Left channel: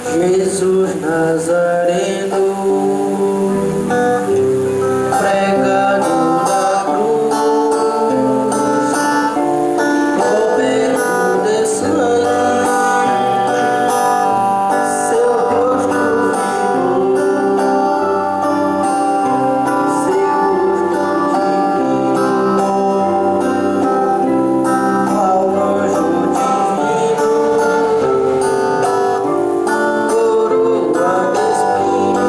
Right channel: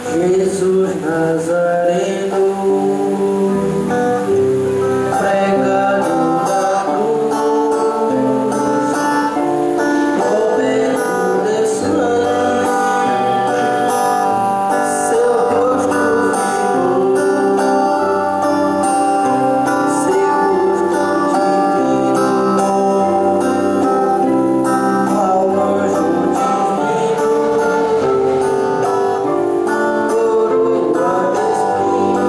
Jesus Nazareno, pregado da cruz, coberto de sangue, seu rosto ficou, seu rosto divino, ao anjo divino, coroa de espinhos.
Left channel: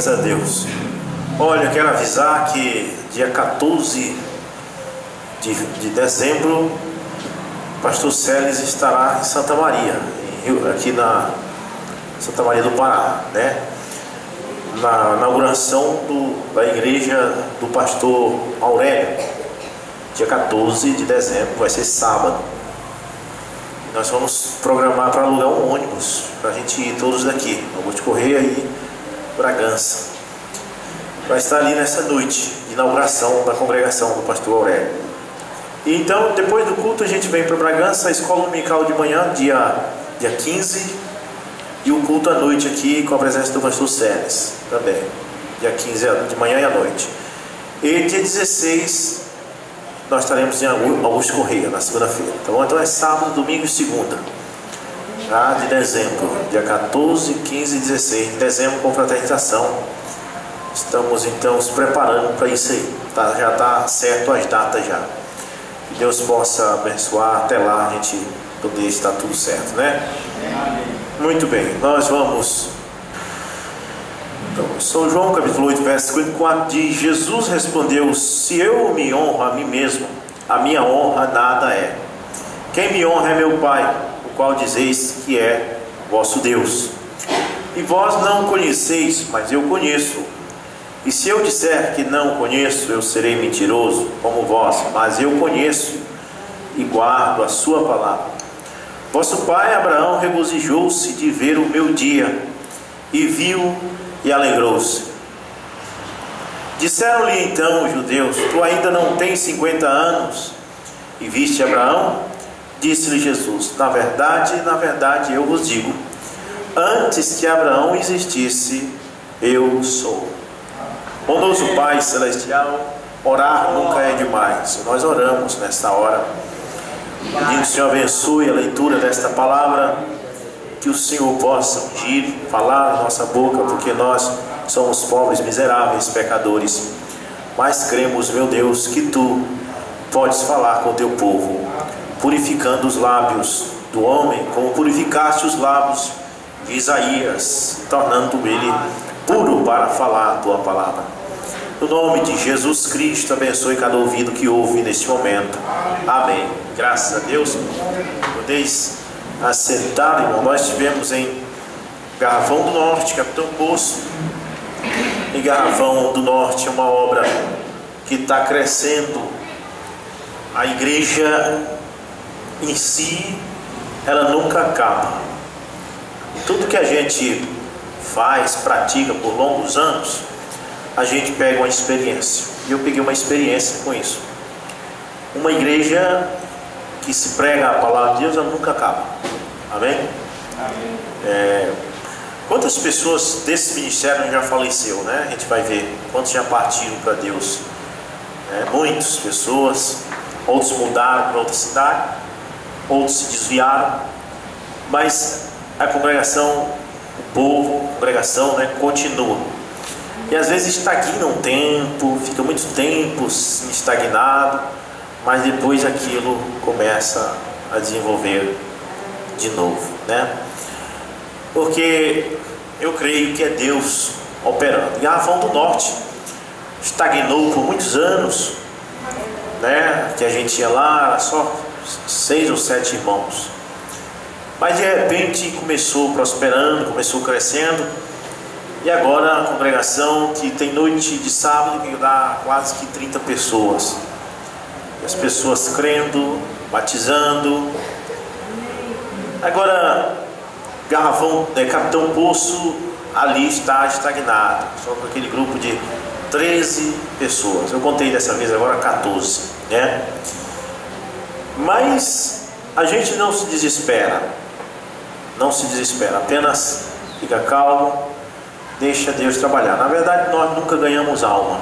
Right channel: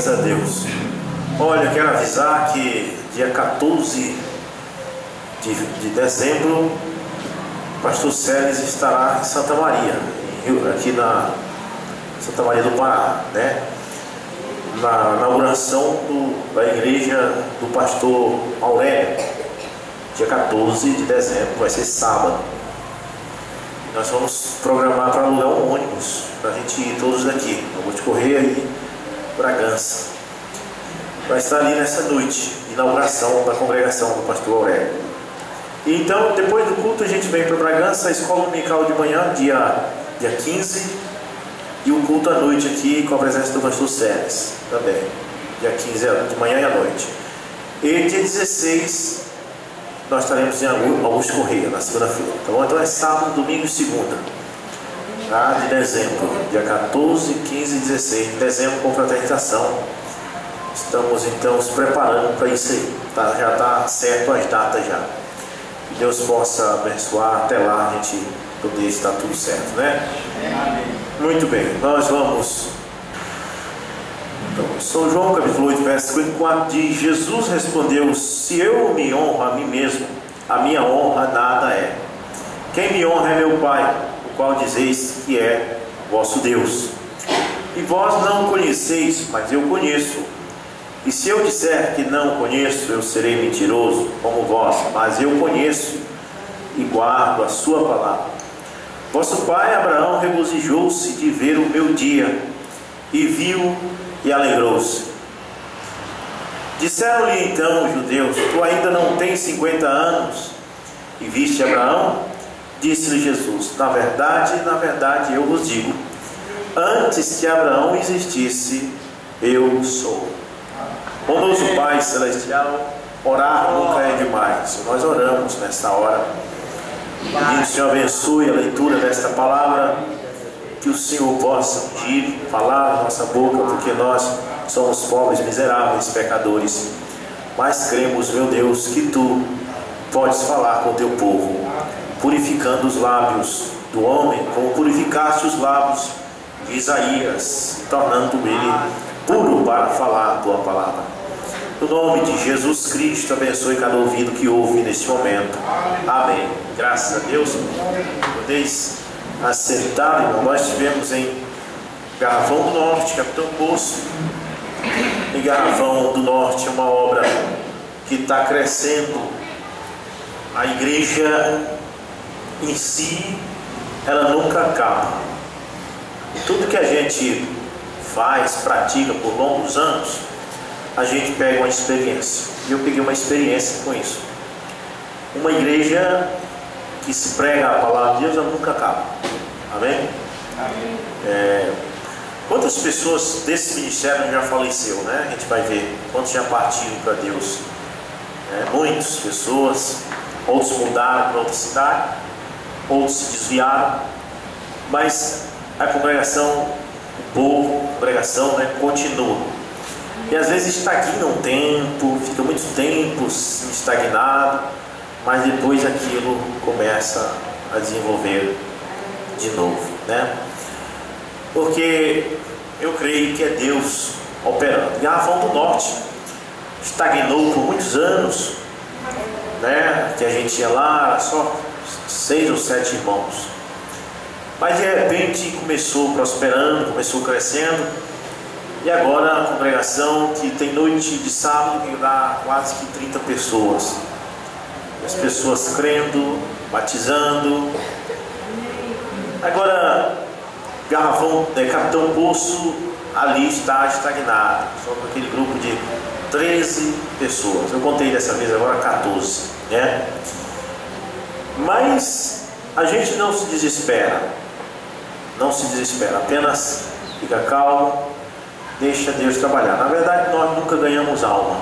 Graças a Deus. Olha, eu quero avisar que dia 14 de dezembro, o pastor Celes estará em Santa Maria, aqui na Santa Maria do Pará, né? Na inauguração da igreja do pastor Aurélio, dia 14 de dezembro, vai ser sábado. Nós vamos programar para alugar um ônibus, para a gente ir todos daqui, Augusto Correia e Bragança. Vai estar ali nessa noite de inauguração da congregação do pastor Aurélio. E então, depois do culto, a gente vem para Bragança, a escola dominical de manhã, dia 15, e o culto à noite aqui com a presença do pastor Celes, também, dia 15 de manhã e à noite. E dia 16, nós estaremos em Augusto Correia, na segunda-feira, tá bom? Então é sábado, domingo e segunda, tá? De dezembro, dia 14, 15 e 16 de dezembro, com fraternização. Estamos então nos preparando para isso aí, tá? Já está certo as datas já. Que Deus possa abençoar até lá, a gente poder estar tudo certo, né? Muito bem, nós vamos. Então, São João capítulo 8, verso 54 diz: Jesus respondeu: se eu me honro a mim mesmo, a minha honra nada é. Quem me honra é meu Pai, o qual dizeis que é vosso Deus. E vós não conheceis, mas eu conheço. E se eu disser que não conheço, eu serei mentiroso como vós, mas eu conheço e guardo a sua palavra. Vosso pai Abraão regozijou-se de ver o meu dia, e viu e alegrou-se. Disseram-lhe então os judeus: tu ainda não tens 50 anos e viste Abraão? Disse-lhe Jesus: na verdade eu vos digo, antes que Abraão existisse, eu sou. Bondoso Pai Celestial, orar nunca é demais. Nós oramos nesta hora, pedindo que o Senhor abençoe a leitura desta palavra, que o Senhor possa ungir, falar na nossa boca, porque nós somos pobres, miseráveis, pecadores, mas cremos, meu Deus, que Tu podes falar com o Teu povo, purificando os lábios do homem, como purificaste os lábios de Isaías, tornando ele puro para falar a Tua palavra. No nome de Jesus Cristo, abençoe cada ouvido que ouve neste momento. Amém. Graças a Deus. Podeis assentar, irmão. Nós estivemos em Garrafão do Norte, Capitão Poço. E Garrafão do Norte é uma obra que está crescendo. A igreja em si, ela nunca acaba. E tudo que a gente faz, pratica por longos anos, a gente pega uma experiência. E eu peguei uma experiência com isso. Uma igreja que se prega a palavra de Deus, ela nunca acaba. Amém? Amém. Quantas pessoas desse ministério já faleceu, né? A gente vai ver quantos já partiram para Deus. Muitas pessoas, outros mudaram para outra cidade, outros se desviaram, mas a congregação, o povo, a congregação, né, continua. E às vezes estagna um tempo, fica muito tempo estagnado, mas depois aquilo começa a desenvolver de novo, né? Porque eu creio que é Deus operando. Garrafão do Norte estagnou por muitos anos, né? Que a gente ia lá, só 6 ou 7 irmãos. Mas de repente começou prosperando, começou crescendo. E agora a congregação que tem noite de sábado que dá quase que 30 pessoas. E as pessoas crendo, batizando. Agora, Garrafão, Capitão Poço, ali está estagnado. Só com aquele grupo de 13 pessoas. Eu contei dessa vez agora 14, né? Mas a gente não se desespera. Não se desespera, apenas fica calmo, deixa Deus trabalhar. Na verdade, nós nunca ganhamos alma.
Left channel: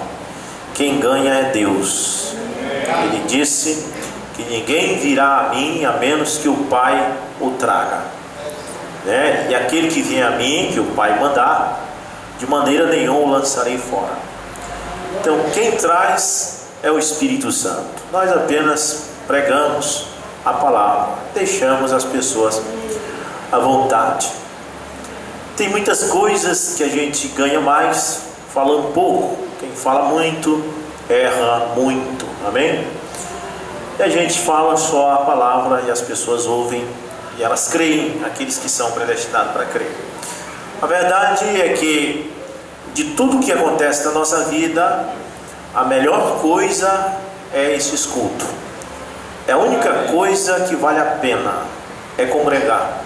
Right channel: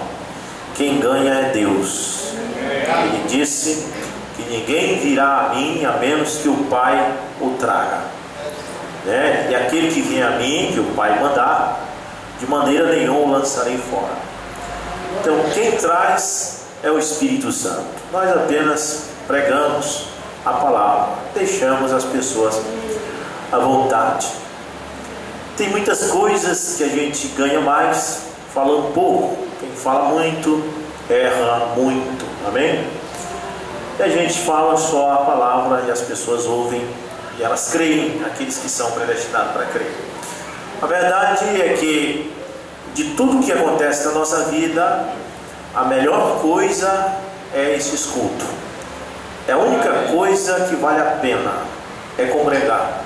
Quem ganha é Deus. Ele disse que ninguém virá a mim a menos que o Pai o traga, né? E aquele que vier a mim, que o Pai mandar, de maneira nenhuma o lançarei fora. Então quem traz é o Espírito Santo. Nós apenas pregamos a palavra, deixamos as pessoas à vontade. Tem muitas coisas que a gente ganha mais, falando pouco. Quem fala muito, erra muito. Amém? E a gente fala só a palavra e as pessoas ouvem e elas creem, aqueles que são predestinados para crer. A verdade é que de tudo que acontece na nossa vida, a melhor coisa é esse culto. É a única coisa que vale a pena, é congregar.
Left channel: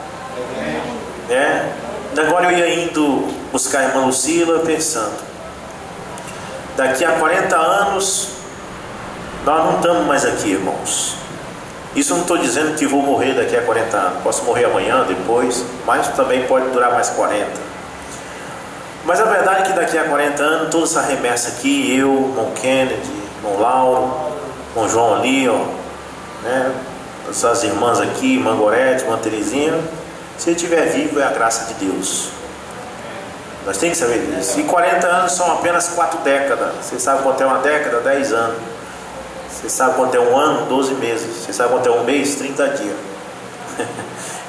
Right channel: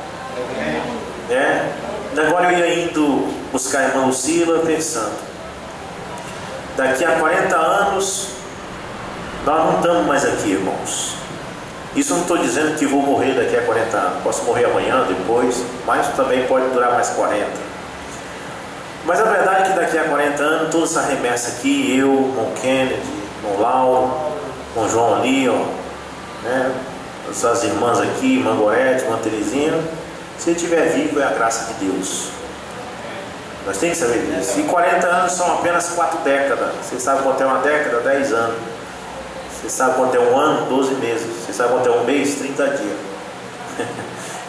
Agora eu ia indo buscar a irmã Lucila pensando, daqui a 40 anos nós não estamos mais aqui, irmãos. Isso eu não estou dizendo que vou morrer daqui a 40 anos. Posso morrer amanhã, depois, mas também pode durar mais 40. Mas a verdade é que daqui a 40 anos, toda essa remessa aqui, eu, irmão Kennedy, irmão Lauro, irmão João ali, ó, né? Essas irmãs aqui, irmã Gorete, irmã Terezinha, se ele estiver vivo é a graça de Deus. Nós temos que saber disso. E 40 anos são apenas 4 décadas. Você sabe quanto é uma década? 10 anos. Você sabe quanto é um ano? 12 meses. Você sabe quanto é um mês? 30 dias.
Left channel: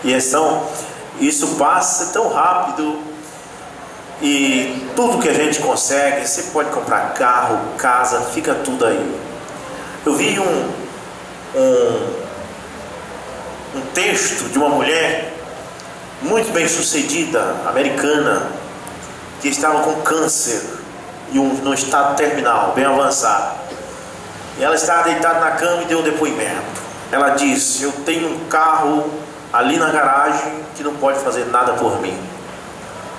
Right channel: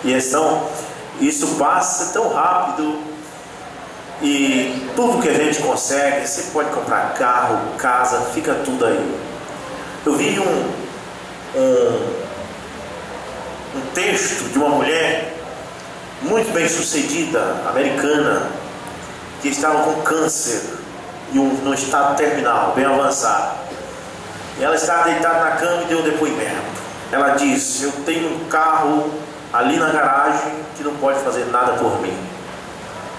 E isso passa tão rápido. E tudo que a gente consegue, você pode comprar carro, casa, fica tudo aí. Eu vi um texto de uma mulher muito bem sucedida, americana, que estava com câncer e no estado terminal, bem avançado. E ela estava deitada na cama e deu um depoimento. Ela disse: eu tenho um carro ali na garagem que não pode fazer nada por mim.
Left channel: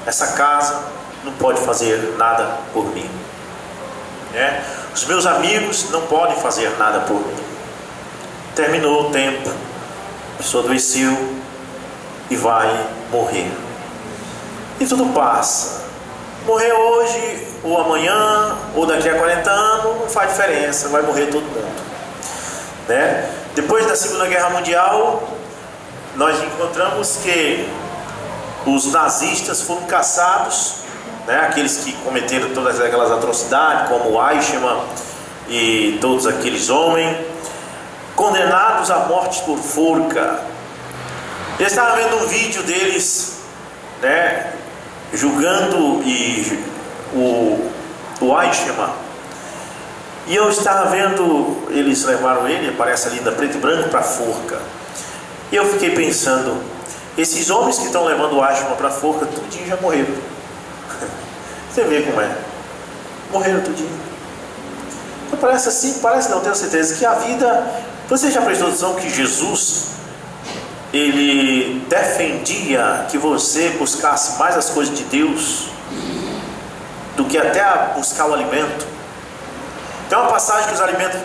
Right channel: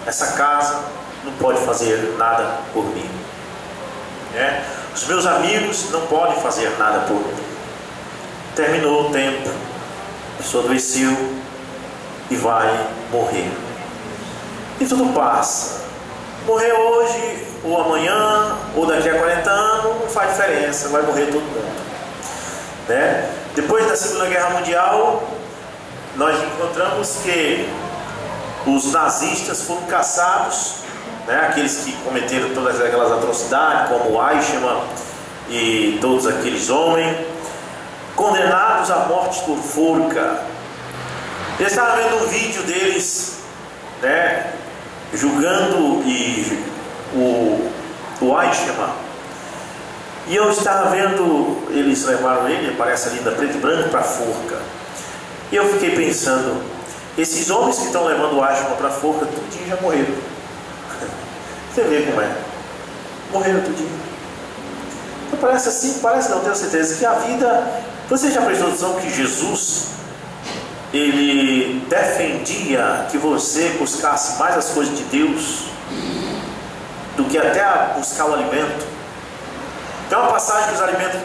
Essa casa não pode fazer nada por mim. Os meus amigos não podem fazer nada por mim. Terminou o tempo, a pessoa adoeceu e vai morrer. E tudo passa. Morrer hoje, ou amanhã, ou daqui a 40 anos, não faz diferença, vai morrer todo mundo. Depois da Segunda Guerra Mundial, nós encontramos que os nazistas foram caçados, aqueles que cometeram todas aquelas atrocidades, como Eichmann e todos aqueles homens, condenados à morte por forca. Eu estava vendo um vídeo deles, julgando o Eichmann, e eu estava vendo, eles levaram ele, aparece ali da preto e branco, para a forca. E eu fiquei pensando, esses homens que estão levando o Eichmann para a forca, tudinho já morreram. Você vê como é, morreram tudinho. Então parece assim, parece não, tenho certeza que a vida... Você já prestou atenção que Jesus, ele defendia que você buscasse mais as coisas de Deus do que até buscar o alimento? Tem uma passagem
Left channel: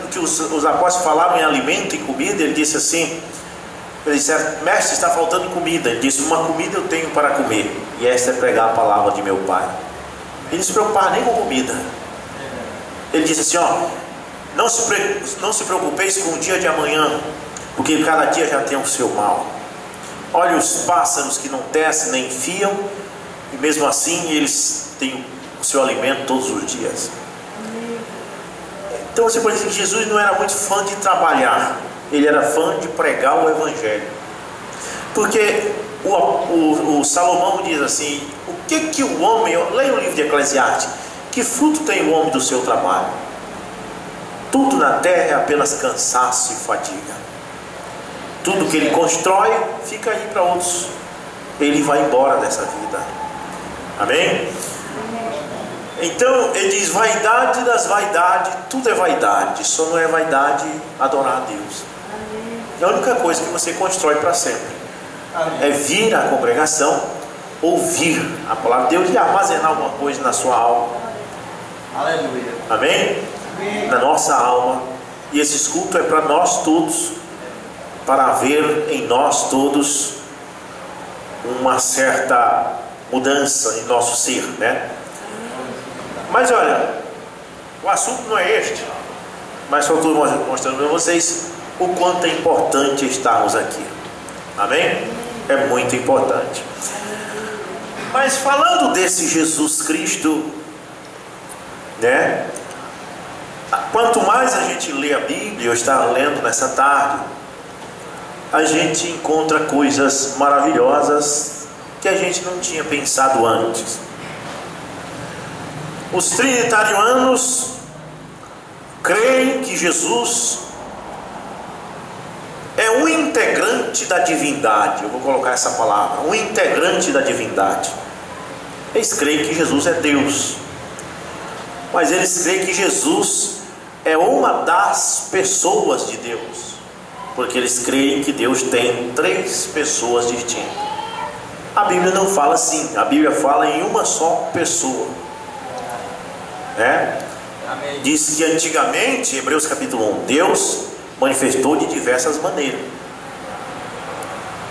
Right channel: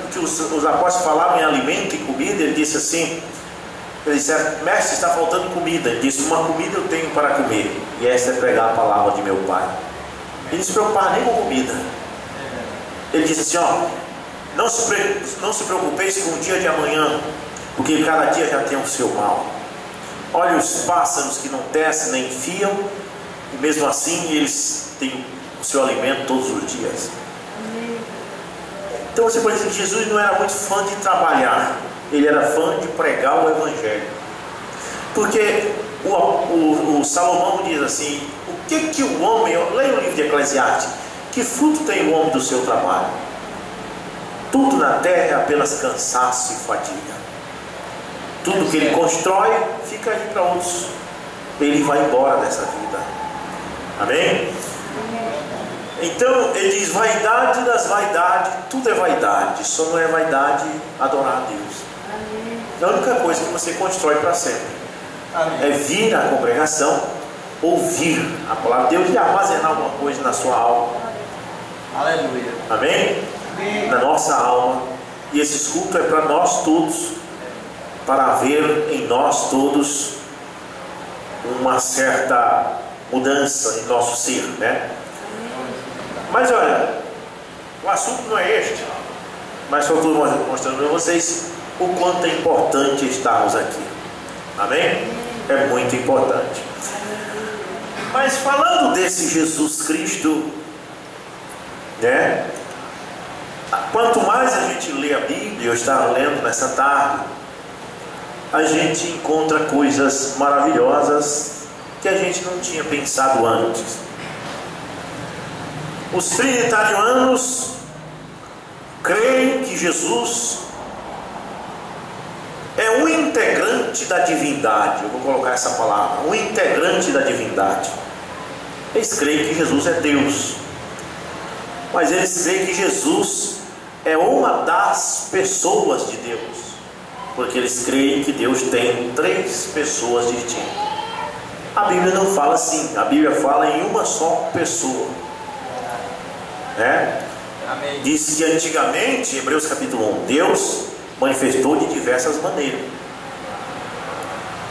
que os apóstolos falavam em alimento e comida. Ele disse assim, eles disseram: mestre, está faltando comida. Ele disse: uma comida eu tenho para comer, e esta é pregar a palavra de meu Pai. Ele não se preocupava nem com comida. Ele disse assim, não se preocupeis com o dia de amanhã, porque cada dia já tem o seu mal. Olha os pássaros que não tecem nem fiam, e mesmo assim eles têm o seu alimento todos os dias. Então você pode dizer que Jesus não era muito fã de trabalhar, ele era fã de pregar o Evangelho. Porque o Salomão diz assim: o que o homem, leia o livro de Eclesiastes, que fruto tem o homem do seu trabalho? Tudo na terra é apenas cansaço e fadiga. Tudo que ele constrói fica aí para outros. Ele vai embora dessa vida. Amém? Então ele diz: vaidade das vaidades, tudo é vaidade, só não é vaidade adorar a Deus. É a única coisa que você constrói para sempre. É vir à congregação, ouvir a palavra de Deus e armazenar alguma coisa na sua alma. Aleluia. Amém? Na nossa alma. E esse culto é para nós todos, para haver em nós todos uma certa mudança em nosso ser, Mas olha, o assunto não é este, mas só estou mostrando para vocês o quanto é importante estarmos aqui. Amém? É muito importante. Mas falando desse Jesus Cristo, quanto mais a gente lê a Bíblia, eu estava lendo nessa tarde, a gente encontra coisas maravilhosas que a gente não tinha pensado antes. Os trinitarianos creem que Jesus é um integrante da divindade. Eu vou colocar essa palavra, um integrante da divindade. Eles creem que Jesus é Deus, mas eles creem que Jesus é uma das pessoas de Deus, porque eles creem que Deus tem 3 pessoas distintas. A Bíblia não fala assim, a Bíblia fala em uma só pessoa, né? Amém. Diz que antigamente, Hebreus capítulo 1, Deus manifestou de diversas maneiras.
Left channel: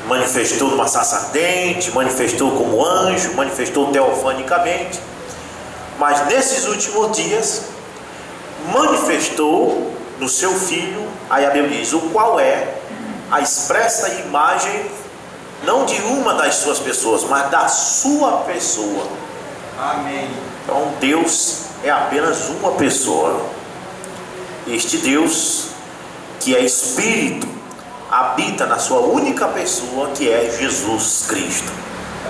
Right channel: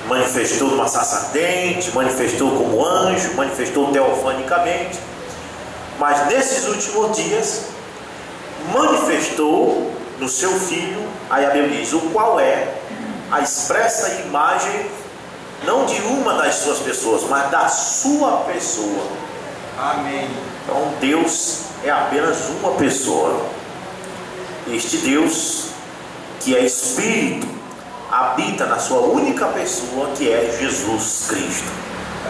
Manifestou numa sarça ardente, manifestou como anjo, manifestou teofanicamente. Mas nesses últimos dias, manifestou no seu Filho, aí a Bíblia diz, o qual é a expressa imagem, não de uma das suas pessoas, mas da sua pessoa. Amém. Então Deus é apenas uma pessoa. Este Deus, que é Espírito, habita na sua única pessoa, que é Jesus Cristo.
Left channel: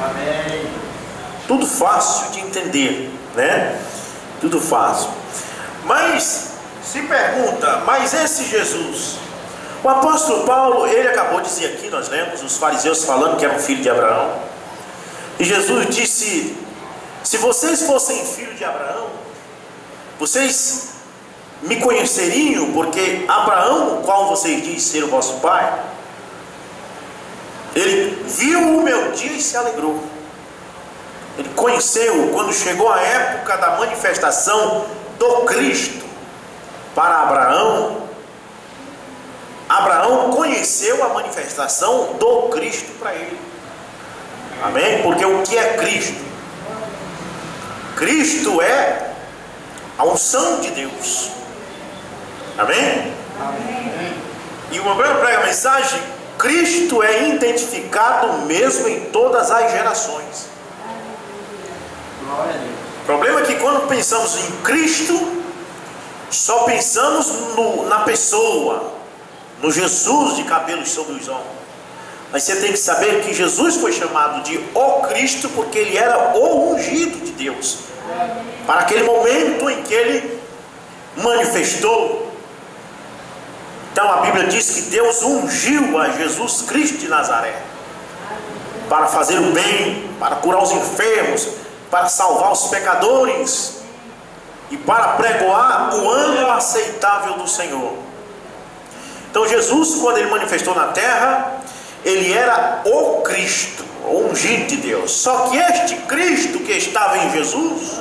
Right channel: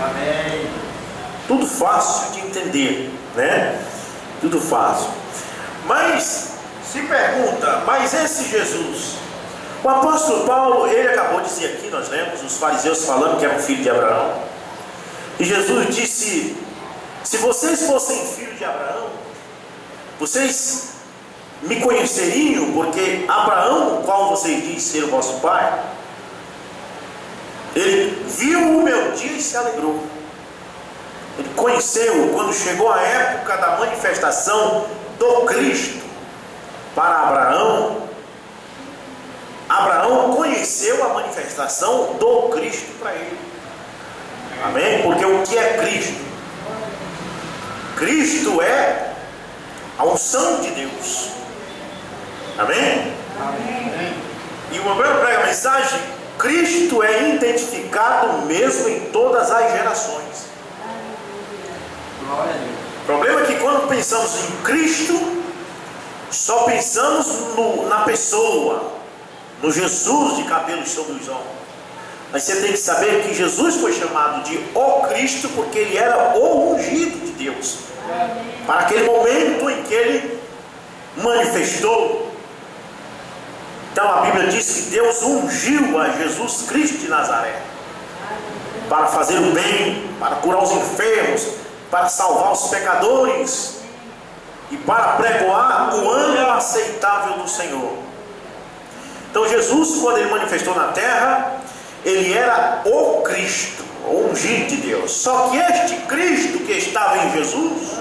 Amém. Tudo fácil de entender, né? Tudo fácil. Mas se pergunta, mas esse Jesus, o apóstolo Paulo, ele acabou de dizer aqui, nós lemos os fariseus falando que era um filho de Abraão, e Jesus disse: se vocês fossem filhos de Abraão, vocês me conheceriam, porque Abraão, o qual vocês dizem ser o vosso pai, ele viu o meu dia e se alegrou. Ele conheceu, quando chegou a época da manifestação do Cristo para Abraão, Abraão conheceu a manifestação do Cristo para ele. Amém? Porque o que é Cristo? Cristo é a unção de Deus. Amém? Amém. E uma vez eu prego a mensagem, Cristo é identificado mesmo em todas as gerações. Glória a Deus. O problema é que quando pensamos em Cristo, só pensamos na pessoa, no Jesus de cabelos sobre os ombros. Mas você tem que saber que Jesus foi chamado de o Cristo porque ele era o ungido de Deus, para aquele momento em que ele manifestou. Então a Bíblia diz que Deus ungiu a Jesus Cristo de Nazaré para fazer o bem, para curar os enfermos, para salvar os pecadores e para pregoar o ano aceitável do Senhor. Então Jesus, quando ele manifestou na terra, ele era o Cristo, o ungido de Deus. Só que este Cristo que estava em Jesus,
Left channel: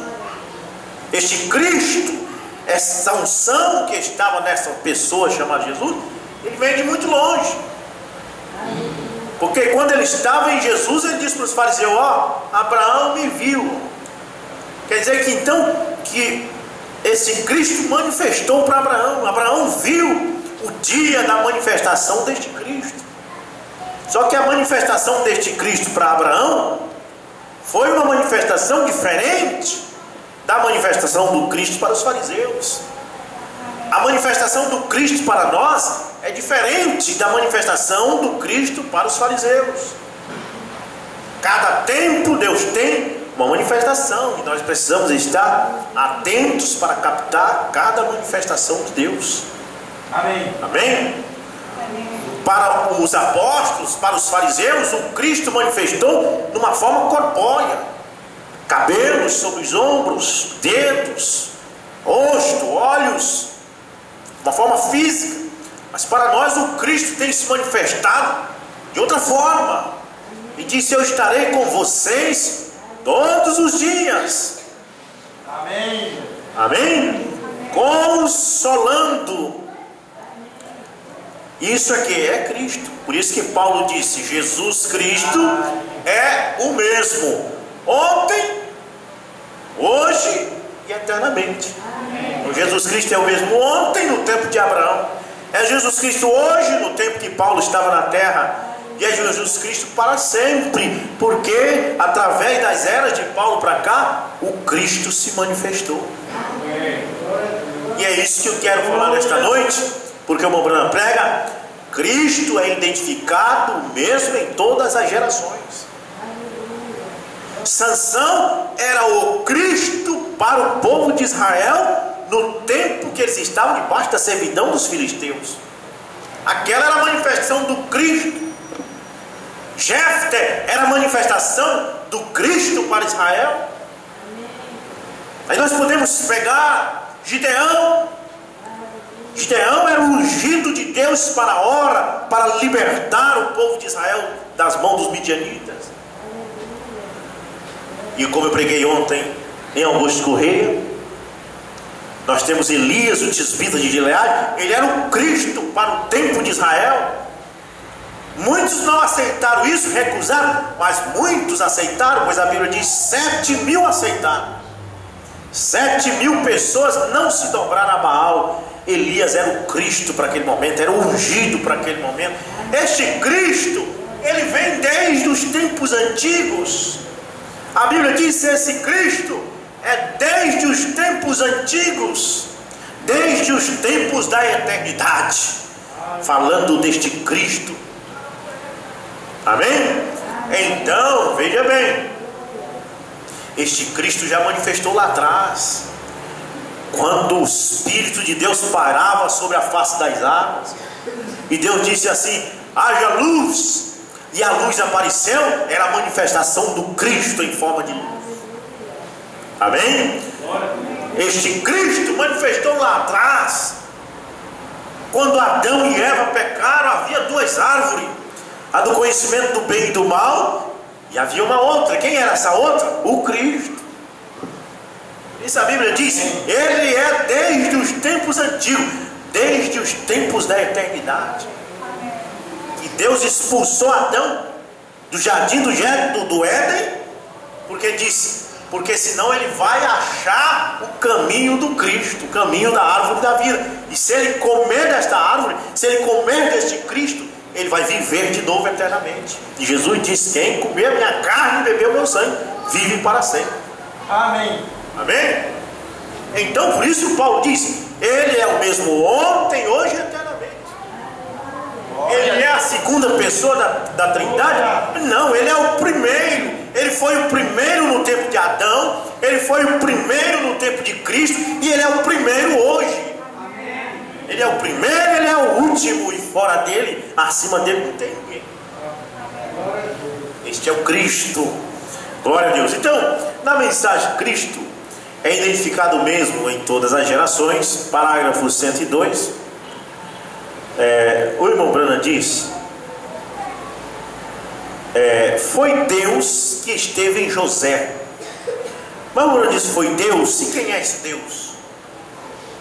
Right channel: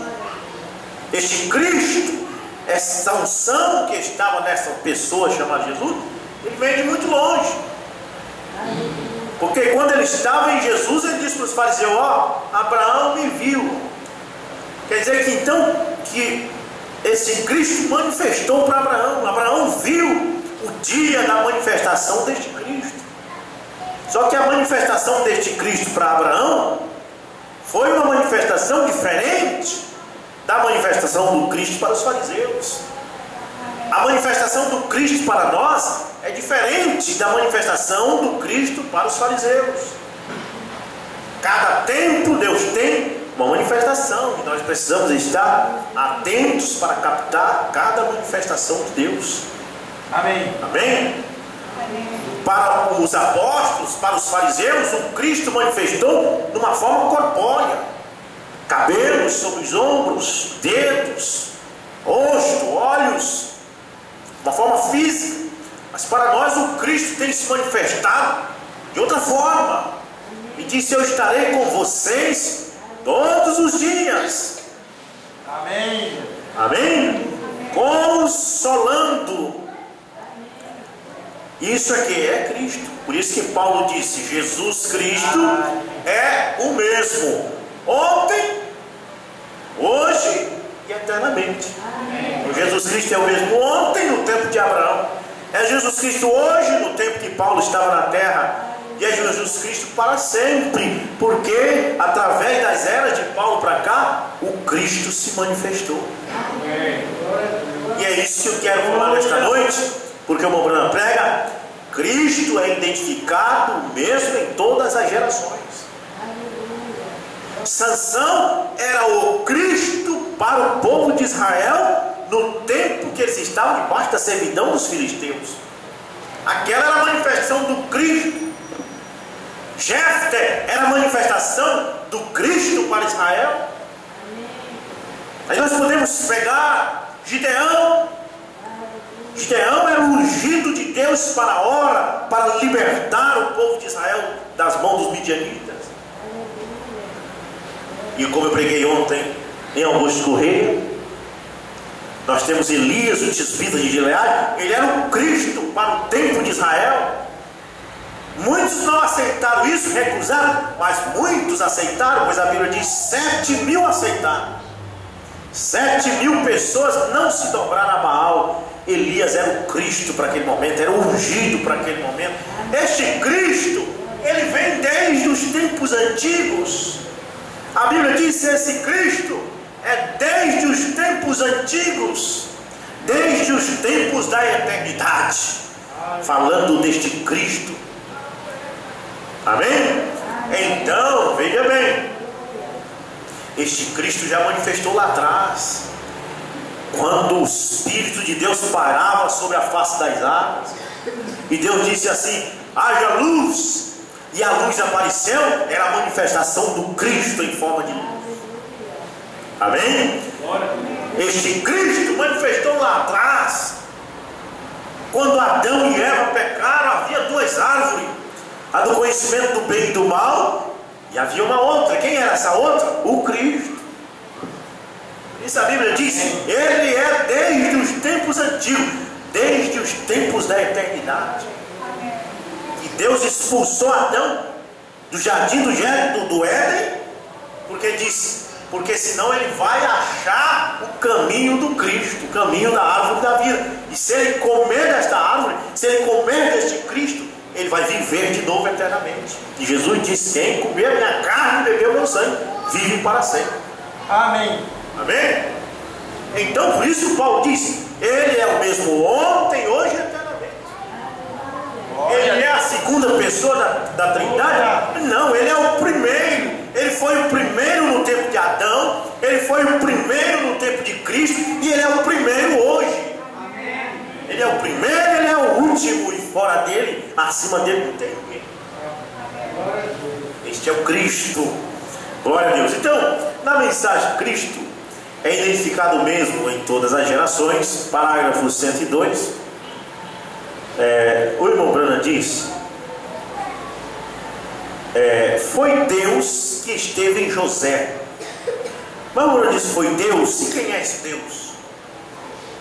este Cristo, essa unção que estava nessa pessoa chamada Jesus, ele veio de muito longe. Porque quando ele estava em Jesus, ele disse para os fariseus: ó, Abraão me viu. Quer dizer que então, que esse Cristo manifestou para Abraão. Abraão viu o dia da manifestação deste Cristo. Só que a manifestação deste Cristo para Abraão foi uma manifestação diferente da manifestação do Cristo para os fariseus. A manifestação do Cristo para nós é diferente da manifestação do Cristo para os fariseus. Cada tempo Deus tem uma manifestação, e nós precisamos estar atentos para captar cada manifestação de Deus. Amém. Amém? Para os apóstolos, para os fariseus, o Cristo manifestou de uma forma corpórea: cabelos sobre os ombros, dedos, rosto, olhos, de uma forma física. Mas para nós o Cristo tem se manifestado de outra forma, e disse: eu estarei com vocês todos os dias. Amém. Amém? Consolando. Isso aqui é Cristo. Por isso que Paulo disse: Jesus Cristo é o mesmo ontem, hoje e eternamente. Então, Jesus Cristo é o mesmo ontem no tempo de Abraão, é Jesus Cristo hoje no tempo que Paulo estava na terra, e é Jesus Cristo para sempre, porque através das eras de Paulo para cá, o Cristo se manifestou. E é isso que eu quero falar nesta noite, porque o Mobrana prega: Cristo é identificado mesmo em todas as gerações. Sansão era o Cristo para o povo de Israel no tempo que eles estavam debaixo da servidão dos filisteus. Aquela era a manifestação do Cristo. Jefté era a manifestação do Cristo para Israel. Aí nós podemos pegar Gideão. Gideão era o ungido de Deus para a hora, para libertar o povo de Israel das mãos dos midianitas. E como eu preguei ontem em Augusto Correia, nós temos Elias, o tisbita de Gileade. Ele era o Cristo para o tempo de Israel. Muitos não aceitaram isso, recusaram, mas muitos aceitaram, pois a Bíblia diz 7.000 aceitaram. 7.000 pessoas não se dobraram a Baal. Elias era o Cristo para aquele momento, era o ungido para aquele momento. Este Cristo, ele vem desde os tempos antigos. A Bíblia diz que esse Cristo é desde os tempos antigos, desde os tempos da eternidade, falando deste Cristo. Amém? Então, veja bem, este Cristo já manifestou lá atrás, quando o Espírito de Deus parava sobre a face das águas, e Deus disse assim: haja luz, e a luz apareceu. Era a manifestação do Cristo em forma de luz. Amém? Este Cristo manifestou lá atrás, quando Adão e Eva pecaram. Havia duas árvores, a do conhecimento do bem e do mal, e havia uma outra. Quem era essa outra? O Cristo. Isso a Bíblia diz: ele é desde os tempos antigos, desde os tempos da eternidade. E Deus expulsou Adão do jardim do Éden, porque disse: porque senão ele vai achar o caminho do Cristo, o caminho da árvore da vida. E se ele comer desta árvore, se ele comer deste Cristo, ele vai viver de novo eternamente. E Jesus disse: quem comer minha carne e beber o meu sangue, vive para sempre. Amém. Amém? Então por isso Paulo diz: ele é o mesmo ontem, hoje e eternamente. Ele é a segunda pessoa da Trindade? Não, ele é o primeiro. Ele foi o primeiro no tempo de Adão, ele foi o primeiro no tempo de Cristo, e ele é o primeiro hoje. Ele é o primeiro, ele é o último, e fora dele, acima dele não tem ninguém. Este é o Cristo. Glória a Deus. Então, na mensagem Cristo é identificado mesmo em todas as gerações. Parágrafo 102. O irmão Branham diz: foi Deus que esteve em José. Mas o irmão Branham diz: foi Deus. E quem é esse Deus?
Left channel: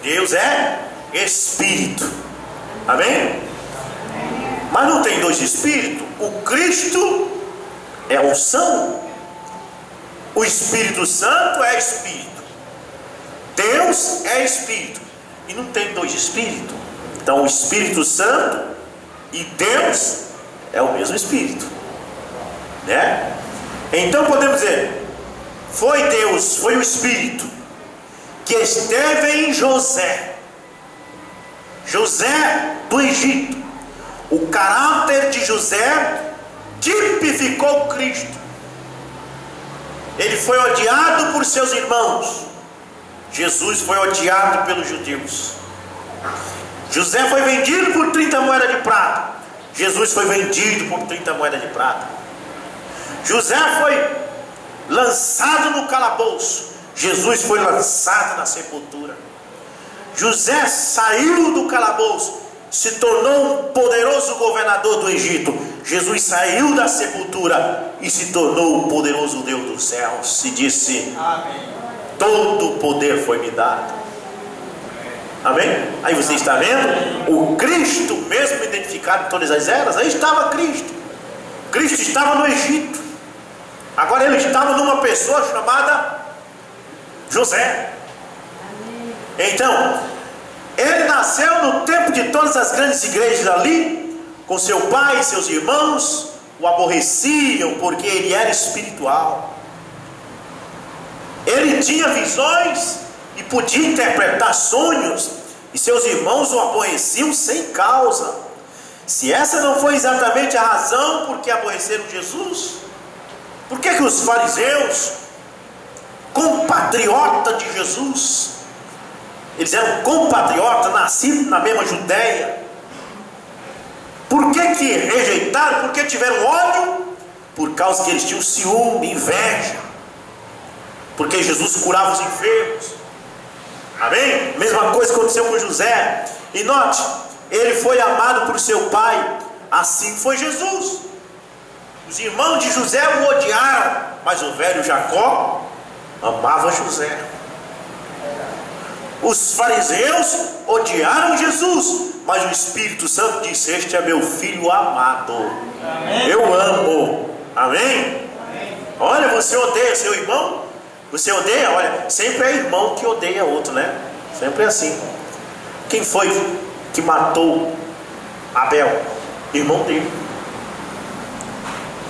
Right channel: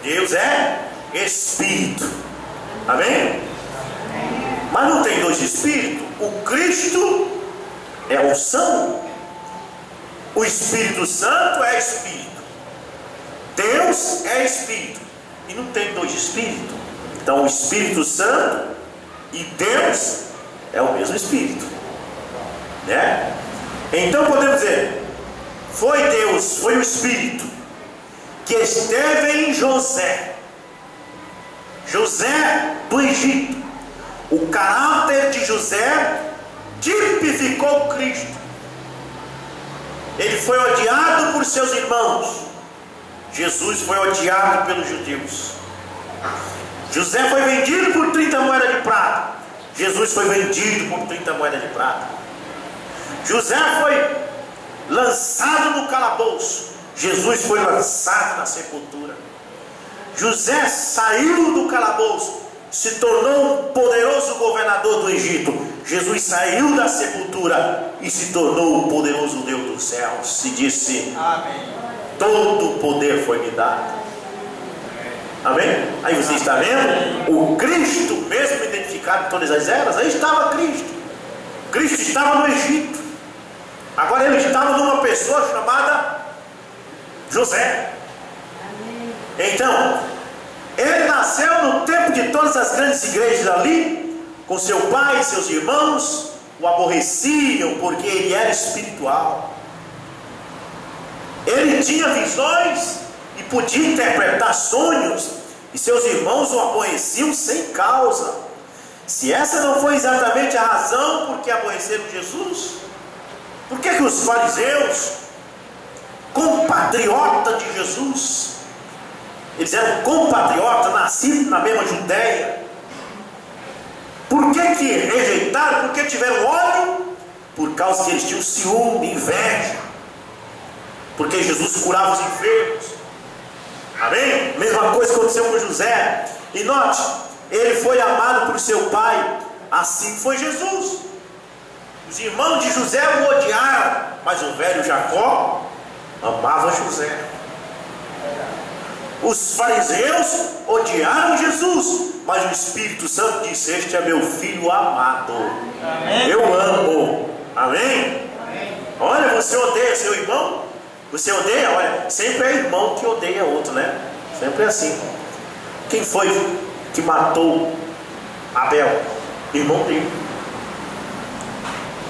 Deus é Espírito. Amém? Mas não tem dois Espíritos. O Cristo é unção, o Espírito Santo é Espírito. Deus é Espírito, e não tem dois Espíritos. Então o Espírito Santo e Deus é o mesmo Espírito, né? Então podemos dizer: foi Deus, foi o Espírito que esteve em José. José do Egito. O caráter de José tipificou Cristo. Ele foi odiado por seus irmãos. Jesus foi odiado pelos judeus. José foi vendido por 30 moedas de prata. Jesus foi vendido por 30 moedas de prata. José foi lançado no calabouço. Jesus foi lançado na sepultura. José saiu do calabouço, se tornou um poderoso governador do Egito. Jesus saiu da sepultura e se tornou o poderoso Deus dos céus. E disse: amém. Todo o poder foi me dado. Amém? Aí você está vendo? O Cristo, mesmo identificado em todas as eras, aí estava Cristo. Cristo estava no Egito. Agora ele estava numa pessoa chamada José. Então, ele nasceu no tempo de todas as grandes igrejas ali, com seu pai e seus irmãos o aborreciam porque ele era espiritual. Ele tinha visões e podia interpretar sonhos, e seus irmãos o aborreciam sem causa. Se essa não foi exatamente a razão por que aborreceram Jesus, Por que os fariseus, compatriotas de Jesus, eles eram compatriotas, nascidos na mesma Judéia, por que rejeitaram? Por que tiveram ódio? Por causa que eles tinham ciúme, inveja, porque Jesus curava os enfermos. Amém? Mesma coisa aconteceu com José. E note, ele foi amado por seu pai, assim foi Jesus. Os irmãos de José o odiaram, mas o velho Jacó amava José. Os fariseus odiaram Jesus, mas o Espírito Santo disse: este é meu filho amado. Amém. Eu amo. Amém? Amém? Olha, você odeia seu irmão? Você odeia? Olha, sempre é irmão que odeia outro, né? Sempre é assim. Quem foi que matou Abel? Irmão dele.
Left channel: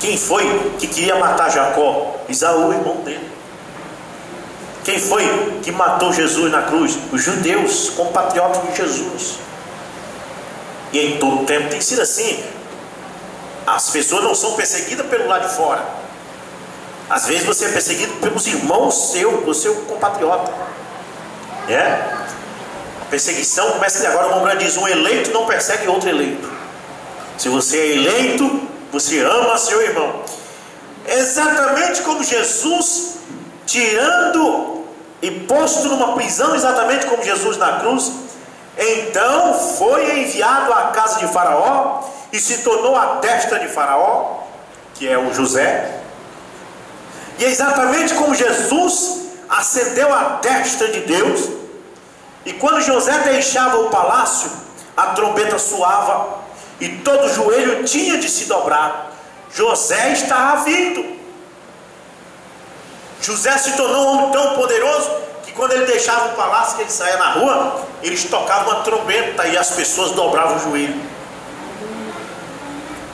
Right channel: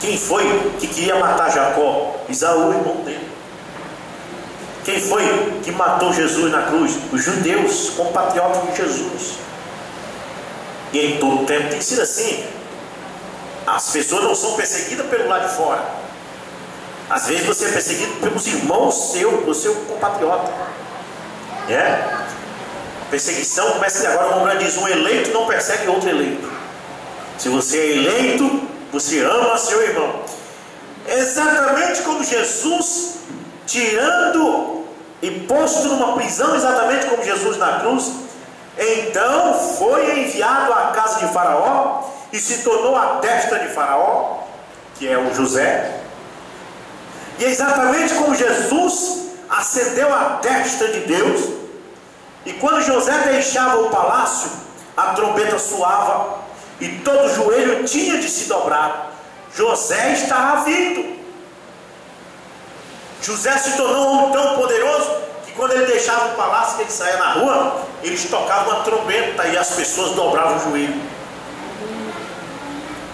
Quem foi que queria matar Jacó? Isaú, irmão dele. Quem foi que matou Jesus na cruz? Os judeus, compatriotas de Jesus. E em todo tempo tem sido assim. As pessoas não são perseguidas pelo lado de fora. Às vezes você é perseguido pelos irmãos seu compatriota. A perseguição começa de agora. Como diz, um eleito não persegue outro eleito. Se você é eleito, você ama seu irmão. Exatamente como Jesus, tirando e posto numa prisão, exatamente como Jesus na cruz, então foi enviado à casa de Faraó e se tornou a destra de Faraó, que é o José. E é exatamente como Jesus ascendeu à destra de Deus, e quando José deixava o palácio, a trombeta soava e todo joelho tinha de se dobrar. José estava vindo. José se tornou um homem tão poderoso que quando ele deixava o palácio, que ele saía na rua, eles tocavam uma trombeta e as pessoas dobravam o joelho.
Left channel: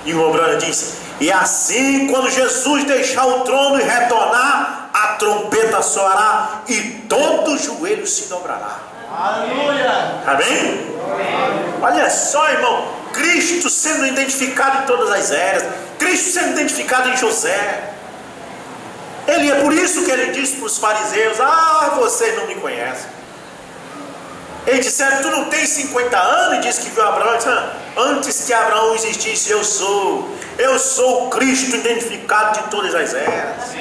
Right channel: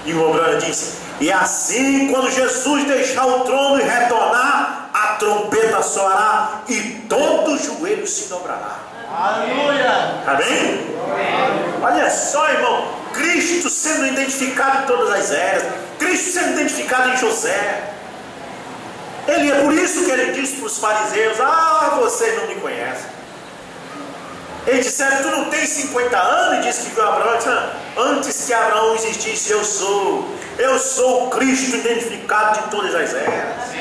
E o Obrana disse: e assim, quando Jesus deixar o trono e retornar, a trombeta soará e todo joelho se dobrará. Aleluia! Amém? Olha só, irmão, Cristo sendo identificado em todas as eras, Cristo sendo identificado em José. Ele é por isso que ele disse para os fariseus: ah, vocês não me conhecem. Eles disseram: tu não tens 50 anos? E disse que viu Abraão. Disse: antes que Abraão existisse, eu sou o Cristo identificado de todas as eras.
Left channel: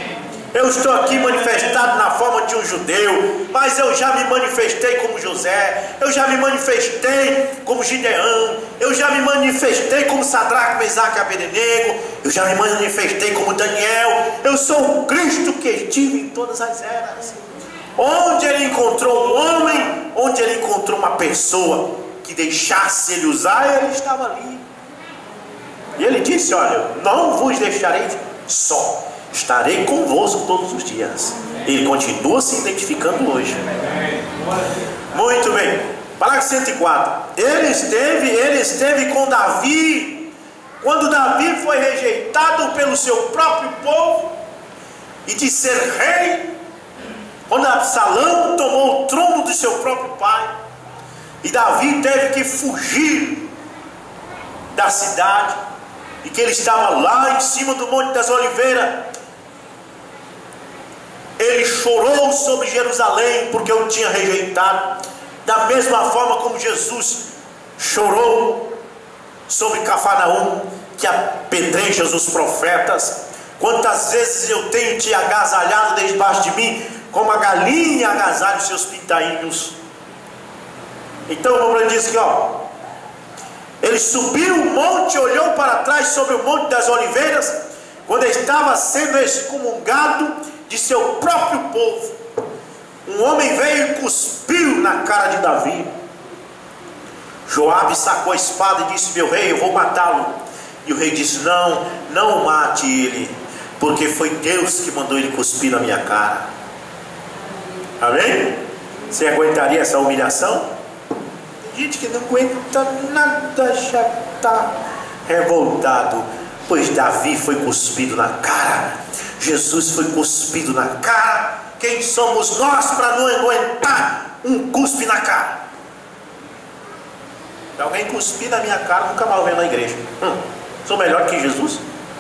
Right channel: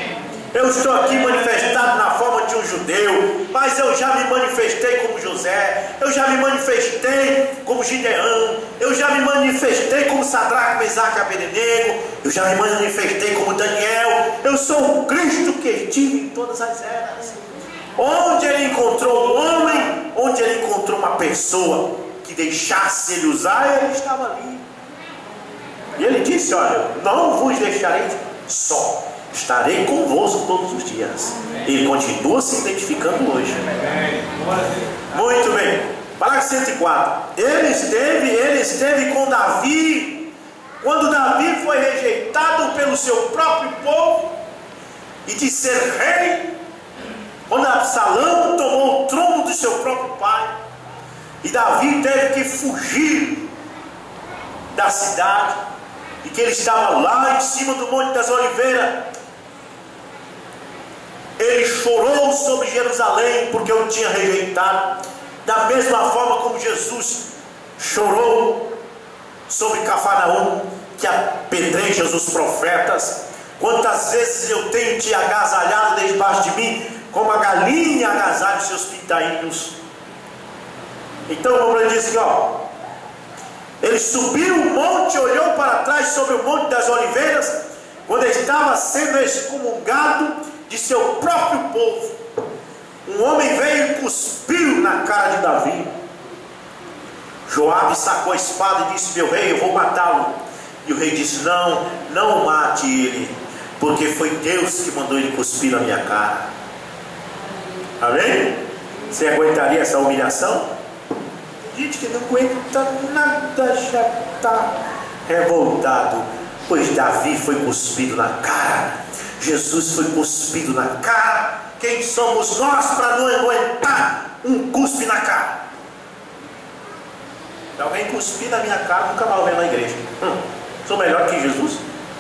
Eu estou aqui manifestado na forma de um judeu, mas eu já me manifestei como José, eu já me manifestei como Gideão, eu já me manifestei como Sadraque, Mesaque e Abednego, eu já me manifestei como Daniel. Eu sou o Cristo que estive em todas as eras. Onde ele encontrou um homem, onde ele encontrou uma pessoa que deixasse ele usar, ele estava ali. E ele disse: olha, não vos deixarei só, estarei convosco todos os dias. Ele continua se identificando hoje. Muito bem. Parágrafo 104. Ele esteve com Davi quando Davi foi rejeitado pelo seu próprio povo e de ser rei, quando Absalão tomou o trono do seu próprio pai, e Davi teve que fugir da cidade, e que ele estava lá em cima do Monte das Oliveiras. Ele chorou sobre Jerusalém porque o tinha rejeitado, da mesma forma como Jesus chorou sobre Cafarnaum, que apedreja os profetas. Quantas vezes eu tenho te agasalhado debaixo de mim, como a galinha agasalha os seus pintainhos. Então o homem diz que ele subiu o monte, olhou para trás sobre o Monte das Oliveiras, quando estava sendo excomungado de seu próprio povo. Um homem veio e cuspiu na cara de Davi. Joabe sacou a espada e disse: meu rei, eu vou matá-lo. E o rei disse: não mate ele, porque foi Deus que mandou ele cuspir na minha cara. Amém? Você aguentaria essa humilhação? Gente que não aguenta nada, já está revoltado, pois Davi foi cuspido na cara, Jesus foi cuspido na cara. Quem somos nós para não aguentar um cuspe na cara? Se alguém cuspir na minha cara, nunca mais vem na igreja. Sou melhor que Jesus?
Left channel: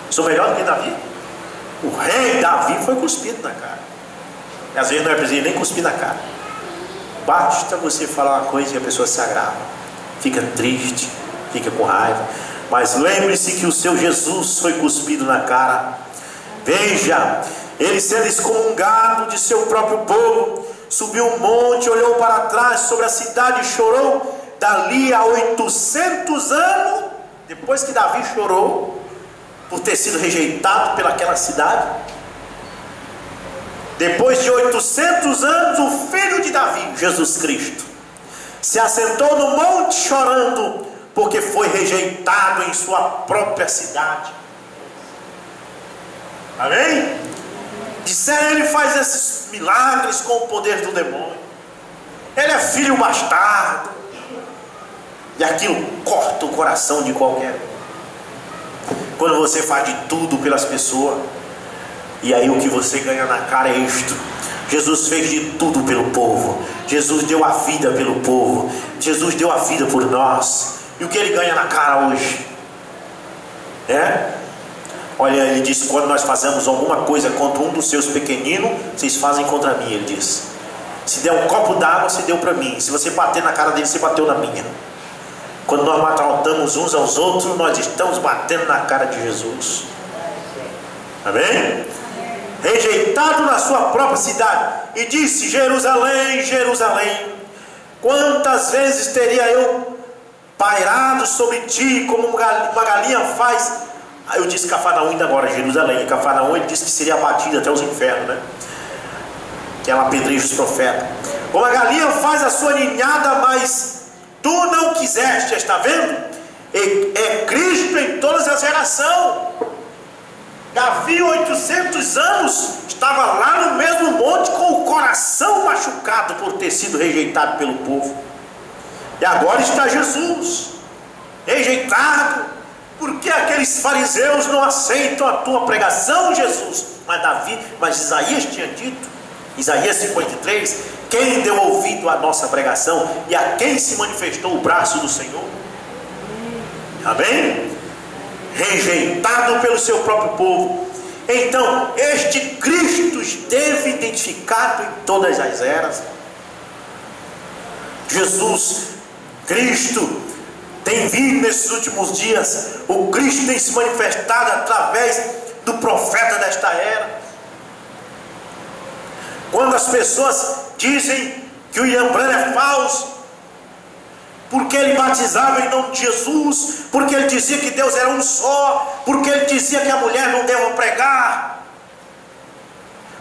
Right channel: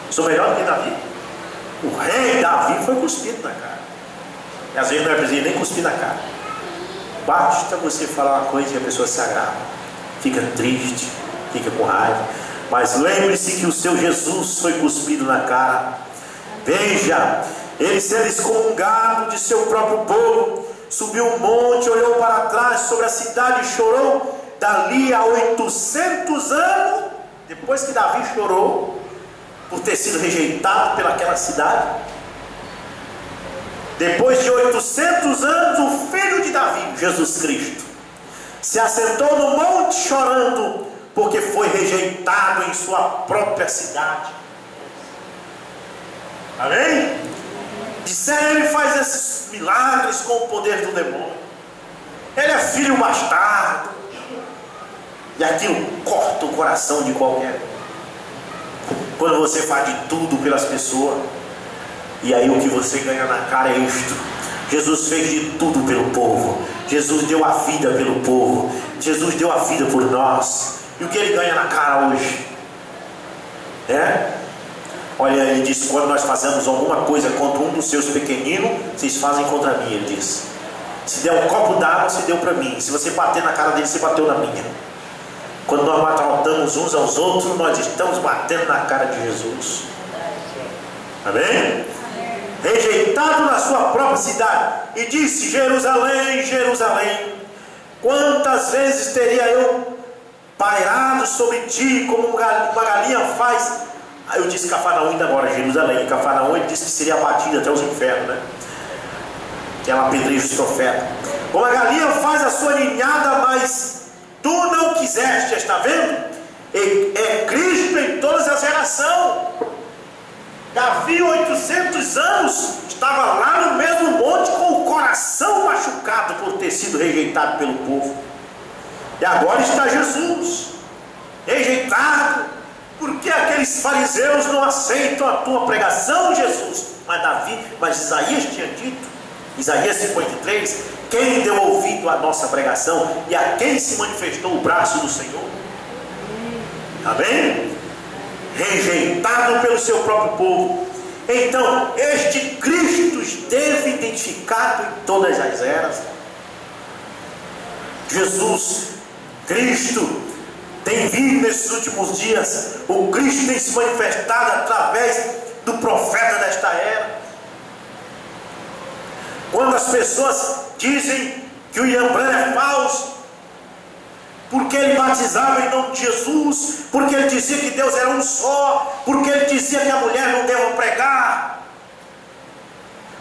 Sou melhor do que Davi? O rei Davi foi cuspido na cara. E às vezes não é preciso nem cuspir na cara. Basta você falar uma coisa e a pessoa se agrava, fica triste, fica com raiva. Mas lembre-se que o seu Jesus foi cuspido na cara. Veja, ele sendo excomungado de seu próprio povo, subiu um monte, olhou para trás sobre a cidade e chorou. Dali a 800 anos, depois que Davi chorou por ter sido rejeitado pelaquela cidade, depois de 800 anos, o filho de Davi, Jesus Cristo, se assentou no monte chorando, porque foi rejeitado em sua própria cidade. Amém? Disseram, ele faz esses milagres com o poder do demônio, ele é filho bastardo. E aquilo corta o coração de qualquer um. Quando você faz de tudo pelas pessoas, e aí o que você ganha na cara é isto. Jesus fez de tudo pelo povo. Jesus deu a vida pelo povo. Jesus deu a vida por nós. E o que ele ganha na cara hoje? Olha, ele disse, quando nós fazemos alguma coisa contra um dos seus pequeninos, vocês fazem contra mim, ele disse. Se der um copo d'água, você deu para mim. Se você bater na cara dele, você bateu na minha. Quando nós maltratamos uns aos outros, nós estamos batendo na cara de Jesus. Amém? Rejeitado na sua própria cidade, e disse, Jerusalém, Jerusalém, quantas vezes teria eu pairado sobre ti, como uma galinha faz. Aí eu disse Cafarnaum ainda agora, Jerusalém. Cafarnaum ele disse que seria abatido até os infernos, né? Que ela apedreja os profetas. Como a galinha faz a sua ninhada, mas tu não quiseste, está vendo? É Cristo em todas as gerações. Davi, 800 anos, estava lá no mesmo monte com o coração machucado por ter sido rejeitado pelo povo. E agora está Jesus, rejeitado. Por que aqueles fariseus não aceitam a tua pregação, Jesus? Mas Isaías tinha dito, Isaías 53, quem deu ouvido à nossa pregação e a quem se manifestou o braço do Senhor? Amém? Rejeitado pelo seu próprio povo. Então este Cristo esteve identificado em todas as eras. Jesus Cristo tem vindo nesses últimos dias. O Cristo tem se manifestado através do profeta desta era. Quando as pessoas dizem que o William Branham é falso, porque ele batizava em nome de Jesus, porque ele dizia que Deus era um só, porque ele dizia que a mulher não deve pregar,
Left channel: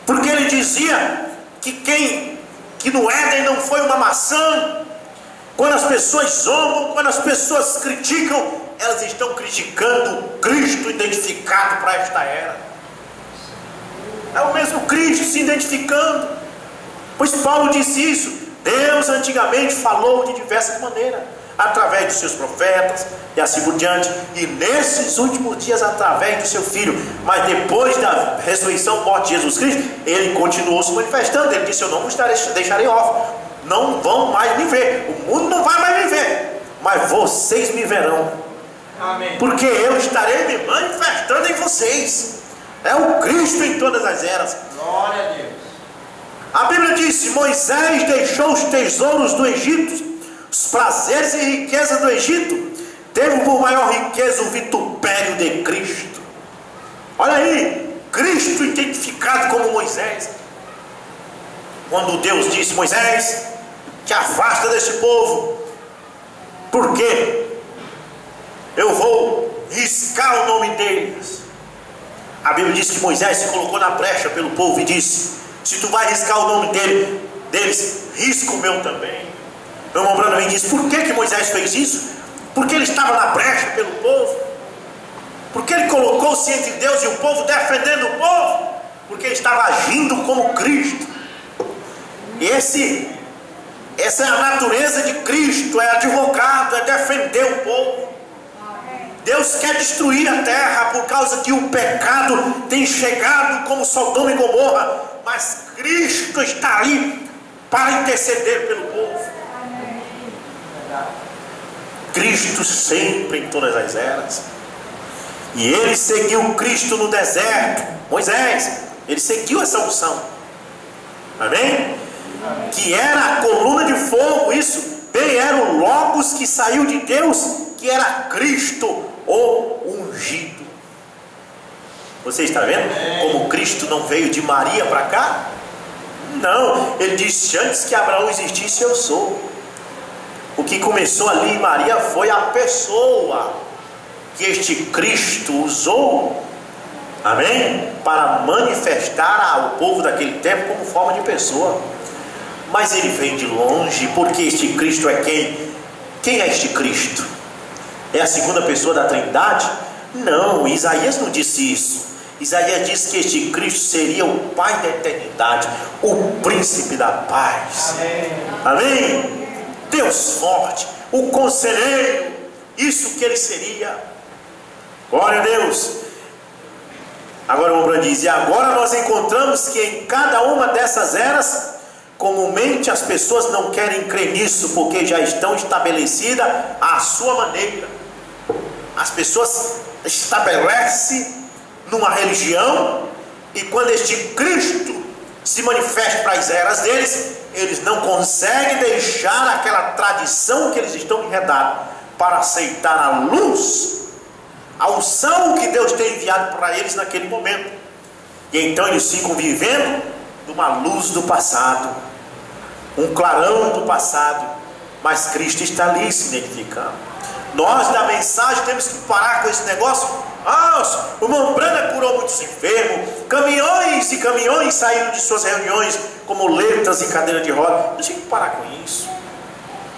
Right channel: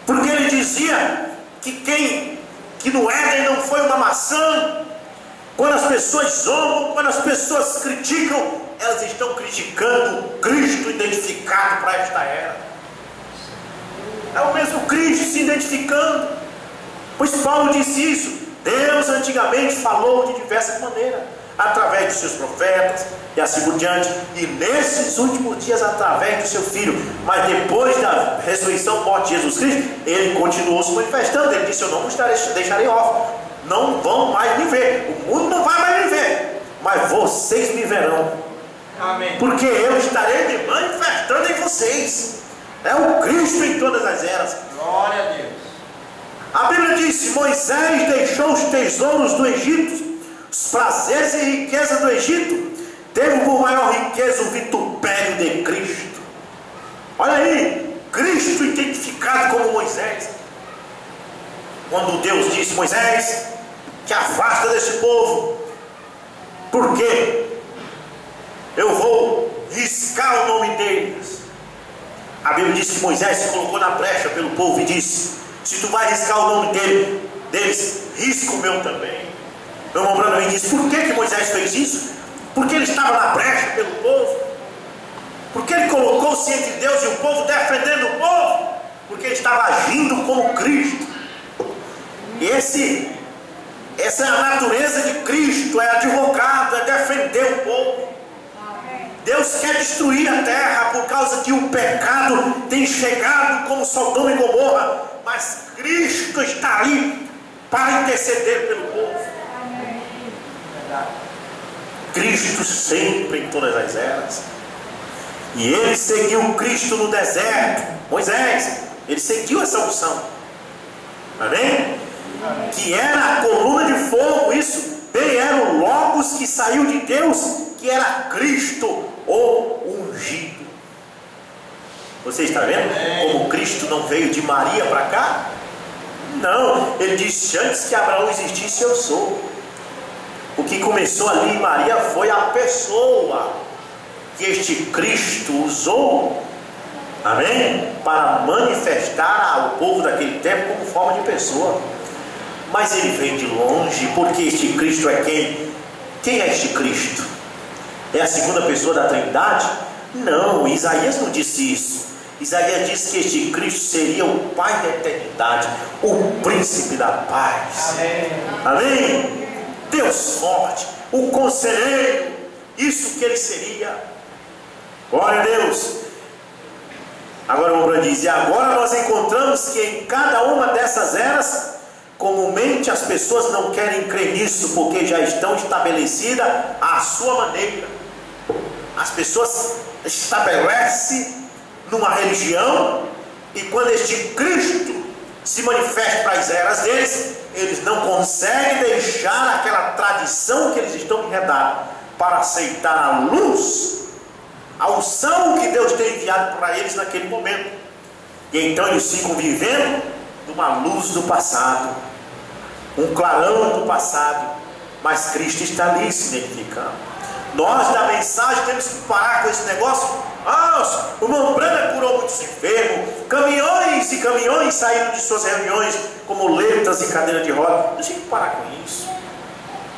porque ele dizia que no Éden não foi uma maçã. Quando as pessoas zombam, quando as pessoas criticam, elas estão criticando Cristo identificado para esta era. É o mesmo Cristo se identificando. Pois Paulo disse isso. Deus antigamente falou de diversas maneiras, através dos seus profetas e assim por diante, e nesses últimos dias através do seu Filho. Mas depois da ressurreição, morte de Jesus Cristo, ele continuou se manifestando. Ele disse, eu não vos deixarei órfão, não vão mais me ver, o mundo não vai mais me ver, mas vocês me verão. Amém. Porque eu estarei me manifestando em vocês. É o Cristo em todas as eras. Glória a Deus. A Bíblia diz, Moisés deixou os tesouros do Egito, os prazeres e riquezas do Egito, teve por maior riqueza o vitupério de Cristo. Olha aí, Cristo identificado como Moisés. Quando Deus disse, Moisés, te afasta desse povo, porque eu vou riscar o nome deles. A Bíblia diz que Moisés se colocou na brecha pelo povo e disse, se tu vai riscar o nome deles, risca o meu também. Meu irmão Branham disse, por que Moisés fez isso? Porque ele estava na brecha pelo povo, porque ele colocou-se entre Deus e o povo, defendendo o povo, porque ele estava agindo como Cristo. E essa é a natureza de Cristo, é advogado, é defender o povo. Deus quer destruir a terra por causa que o pecado tem chegado como Sodoma e Gomorra, mas Cristo está ali para interceder pelo povo. Cristo sempre em todas as eras. E ele seguiu Cristo no deserto. Moisés, ele seguiu essa unção. Amém? Que era a coluna de fogo. Isso bem era o Logos que saiu de Deus, que era Cristo, o ungido. Você está vendo como Cristo não veio de Maria para cá? Não, ele disse: antes que Abraão existisse, eu sou. O que começou ali em Maria foi a pessoa que este Cristo usou, amém? Para manifestar ao povo daquele tempo como forma de pessoa. Mas ele vem de longe, porque este Cristo é quem? Quem é este Cristo? É a segunda pessoa da Trindade? Não, Isaías não disse isso. Isaías disse que este Cristo seria o Pai da eternidade, o príncipe da paz. Amém. Amém? Deus forte, o conselheiro, isso que ele seria. Glória a Deus. Agora o Branco diz: e agora nós encontramos que em cada uma dessas eras, comumente as pessoas não querem crer nisso, porque já estão estabelecidas à sua maneira. As pessoas estabelecem numa religião, e quando este Cristo se manifesta para as eras deles, eles não conseguem deixar aquela tradição que eles estão enredados para aceitar a luz, a unção que Deus tem enviado para eles naquele momento. E então eles ficam vivendo numa luz do passado, um clarão do passado, mas Cristo está ali se identificando. Nós da mensagem temos que parar com esse negócio. O irmão Branco curou muitos enfermos, caminhões e caminhões saíram de suas reuniões como letras e cadeira de roda. Nós temos que parar com isso.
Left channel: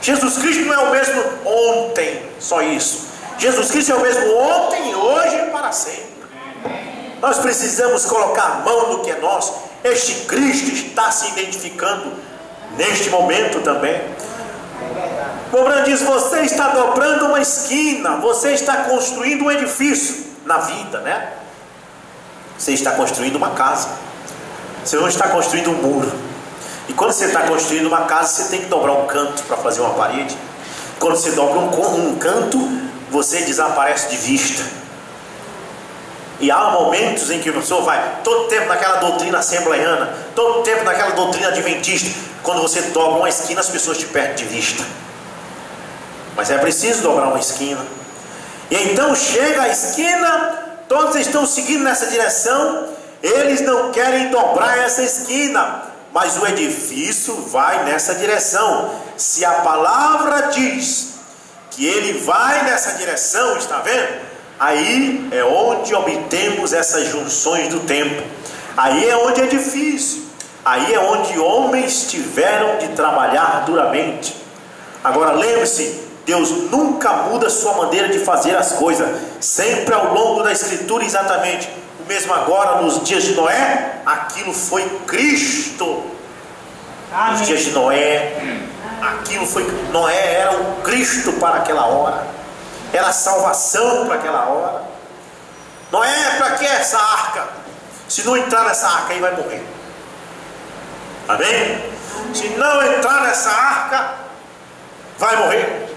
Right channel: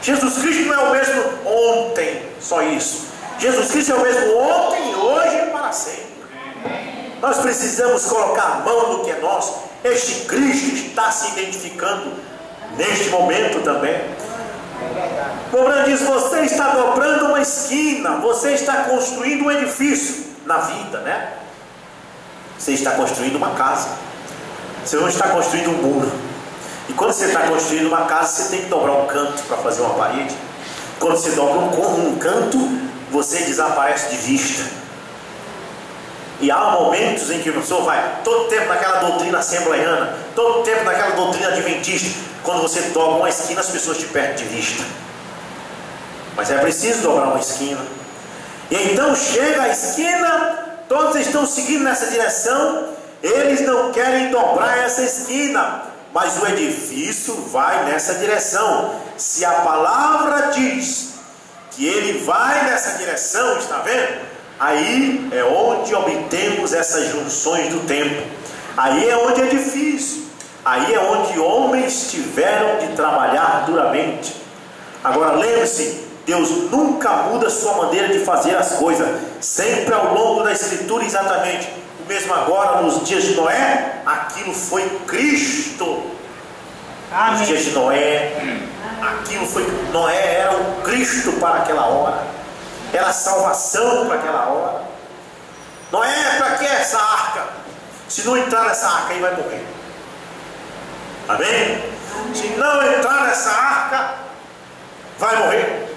Jesus Cristo não é o mesmo ontem, só isso. Jesus Cristo é o mesmo ontem, hoje e para sempre. Nós precisamos colocar a mão no que é nosso. Este Cristo está se identificando neste momento também. O Branco diz: você está dobrando uma esquina, você está construindo um edifício na vida, né? Você está construindo uma casa, você não está construindo um muro. E quando você está construindo uma casa, você tem que dobrar um canto para fazer uma parede. Quando você dobra um canto, você desaparece de vista. E há momentos em que a pessoa vai todo tempo naquela doutrina assembleiana, todo tempo naquela doutrina adventista. Quando você dobra uma esquina, as pessoas te perdem de vista. Mas é preciso dobrar uma esquina. E então chega a esquina, todos estão seguindo nessa direção, eles não querem dobrar essa esquina, mas o edifício vai nessa direção. Se a palavra diz que ele vai nessa direção, está vendo? Aí é onde obtemos essas junções do tempo. Aí é onde é difícil. Aí é onde homens tiveram de trabalhar duramente. Agora lembre-se, Deus nunca muda sua maneira de fazer as coisas. Sempre ao longo da Escritura, exatamente o mesmo agora, nos dias de Noé, aquilo foi Cristo. Amém. Nos dias de Noé, aquilo foi, Noé era o Cristo para aquela hora, era a salvação para aquela hora. Noé, para que essa arca? Se não entrar nessa arca, aí vai morrer. Amém? Se não entrar nessa arca, vai morrer.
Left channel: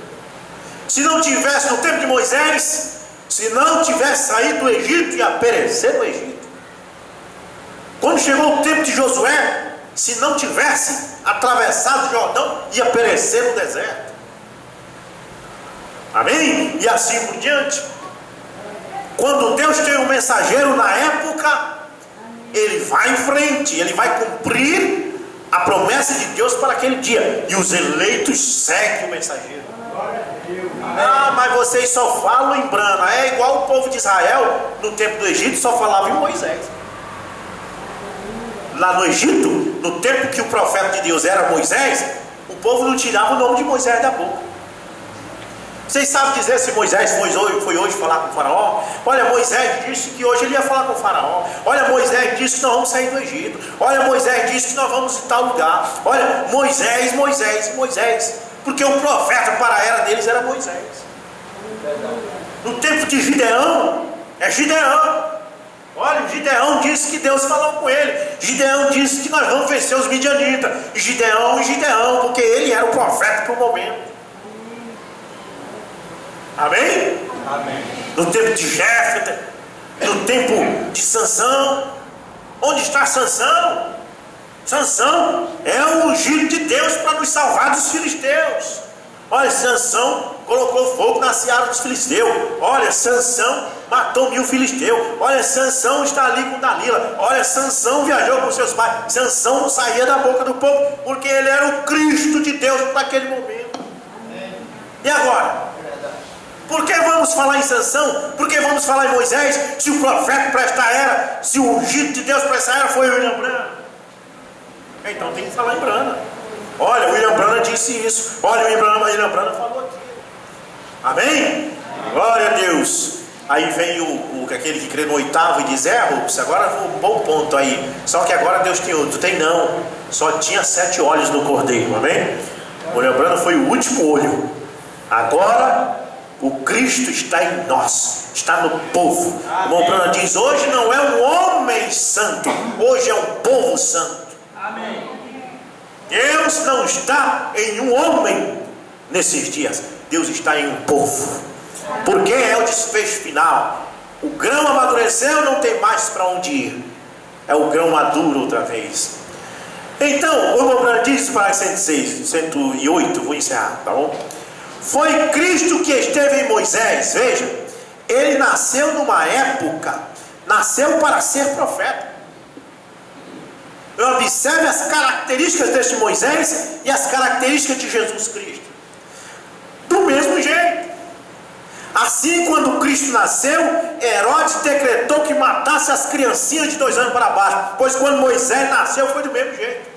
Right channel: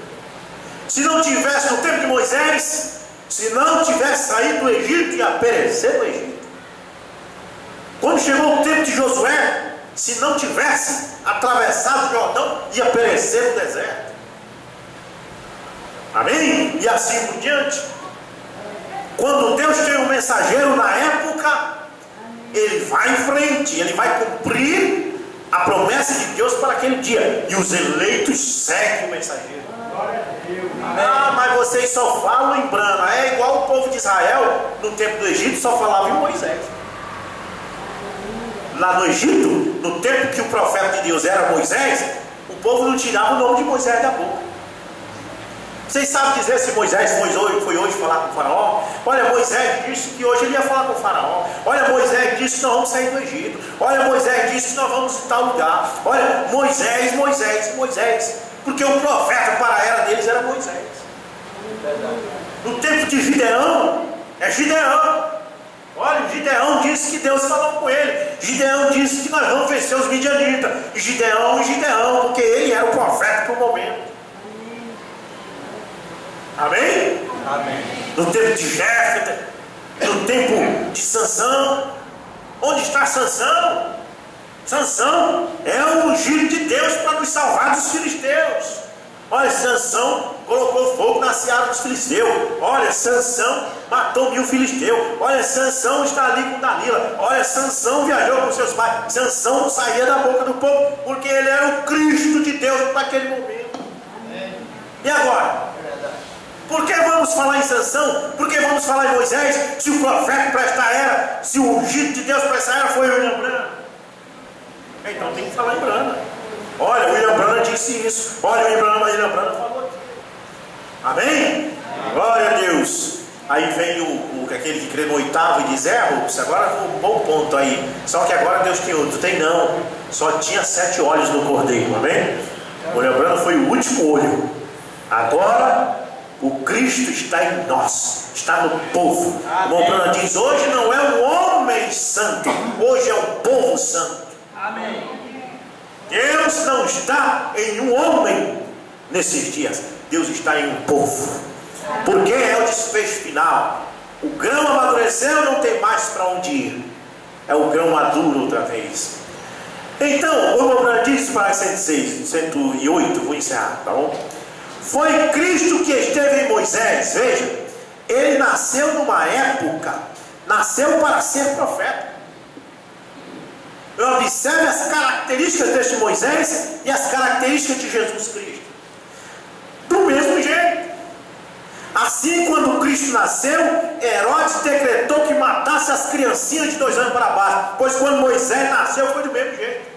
Se não tivesse no tempo de Moisés, se não tivesse saído do Egito, ia perecer no Egito. Quando chegou o tempo de Josué, se não tivesse atravessado o Jordão, ia perecer no deserto. Amém? E assim por diante. Quando Deus tem um mensageiro na época, ele vai em frente, ele vai cumprir a promessa de Deus para aquele dia, e os eleitos seguem o mensageiro. Mas vocês só falam em Brana. É igual o povo de Israel no tempo do Egito, só falava em Moisés. Lá no Egito, no tempo que o profeta de Deus era Moisés, o povo não tirava o nome de Moisés da boca. Vocês sabem dizer se Moisés foi hoje falar com o faraó? Olha, Moisés disse que hoje ele ia falar com o faraó. Olha, Moisés disse que nós vamos sair do Egito. Olha, Moisés disse que nós vamos em tal lugar. Olha, Moisés. Porque o profeta para a era deles era Moisés. No tempo de Gideão, é Gideão. Olha, Gideão disse que Deus falou com ele. Gideão disse que nós vamos vencer os midianitas. E Gideão, porque ele era o profeta para o momento. Amém? Amém. No tempo de Jéfter, no tempo de Sansão. Onde está Sansão? Sansão é o ungido de Deus para nos salvar dos filisteus. Olha, Sansão colocou fogo na seara dos filisteus. Olha, Sansão matou 1000 filisteus. Olha, Sansão está ali com Dalila. Olha, Sansão viajou com seus pais. Sansão não saía da boca do povo, porque ele era o Cristo de Deus naquele momento. E agora? Por que vamos falar em Sansão? Por que vamos falar em Moisés? Se o profeta para esta era, se o ungido de Deus para esta era foi o William Branham. Então tem que falar em Branham. Olha, o William Branham disse isso. Olha, o William Branham falou aqui. Amém? Glória a Deus. Aí vem aquele que crê no oitavo e diz: Rups, agora um bom ponto aí. Só que agora Deus tem outro. Tem não. Só tinha 7 olhos no cordeiro. Amém? O William Branham foi o último olho. Agora o Cristo está em nós, está no povo. O irmão Branham diz: hoje não é um homem santo, hoje é um povo santo. Amém. Deus não está em um homem nesses dias, Deus está em um povo, porque é o desfecho final. O grão amadureceu, não tem mais para onde ir, é o grão maduro outra vez. Então, o irmão Branham diz para 106, 108, vou encerrar, tá bom? Foi Cristo que esteve em Moisés. Veja, ele nasceu numa época, nasceu para ser profeta. Observe as características deste Moisés e as características de Jesus Cristo. Do mesmo jeito. Assim, quando Cristo nasceu, Herodes decretou que matasse as criancinhas de 2 anos para baixo. Pois quando Moisés nasceu, foi do mesmo jeito.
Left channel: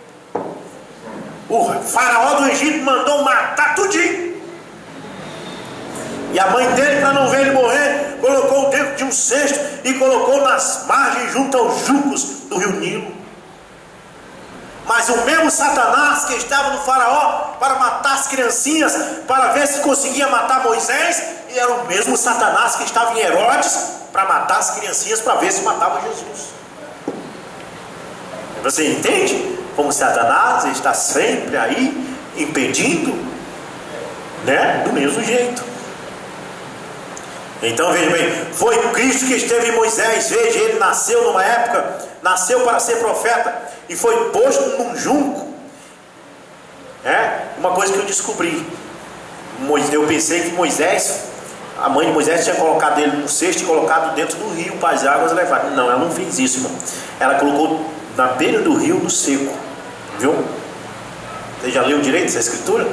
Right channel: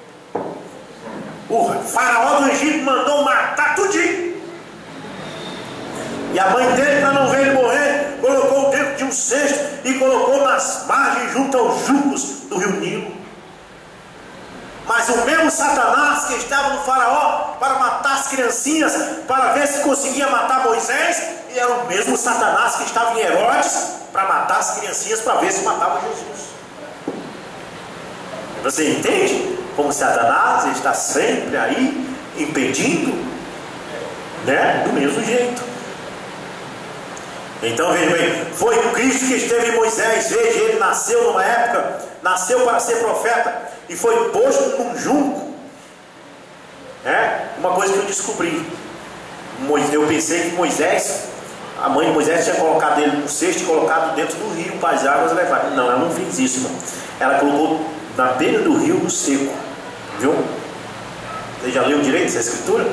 O faraó do Egito mandou matar tudinho. E a mãe dele, para não ver ele morrer, colocou dentro de um cesto e colocou nas margens junto aos juncos do rio Nilo. Mas o mesmo Satanás que estava no faraó para matar as criancinhas, para ver se conseguia matar Moisés, e era o mesmo Satanás que estava em Herodes para matar as criancinhas, para ver se matava Jesus. Você entende como Satanás está sempre aí impedindo, né? Do mesmo jeito. Então veja bem, foi Cristo que esteve em Moisés. Veja, ele nasceu numa época, nasceu para ser profeta e foi posto num junco. Uma coisa que eu descobri, eu pensei que Moisés, a mãe de Moisés tinha colocado ele no cesto e colocado dentro do rio para as águas levarem. Não, ela não fez isso, irmão. Ela colocou na beira do rio, no seco. Viu? Você já leu direito essa escritura?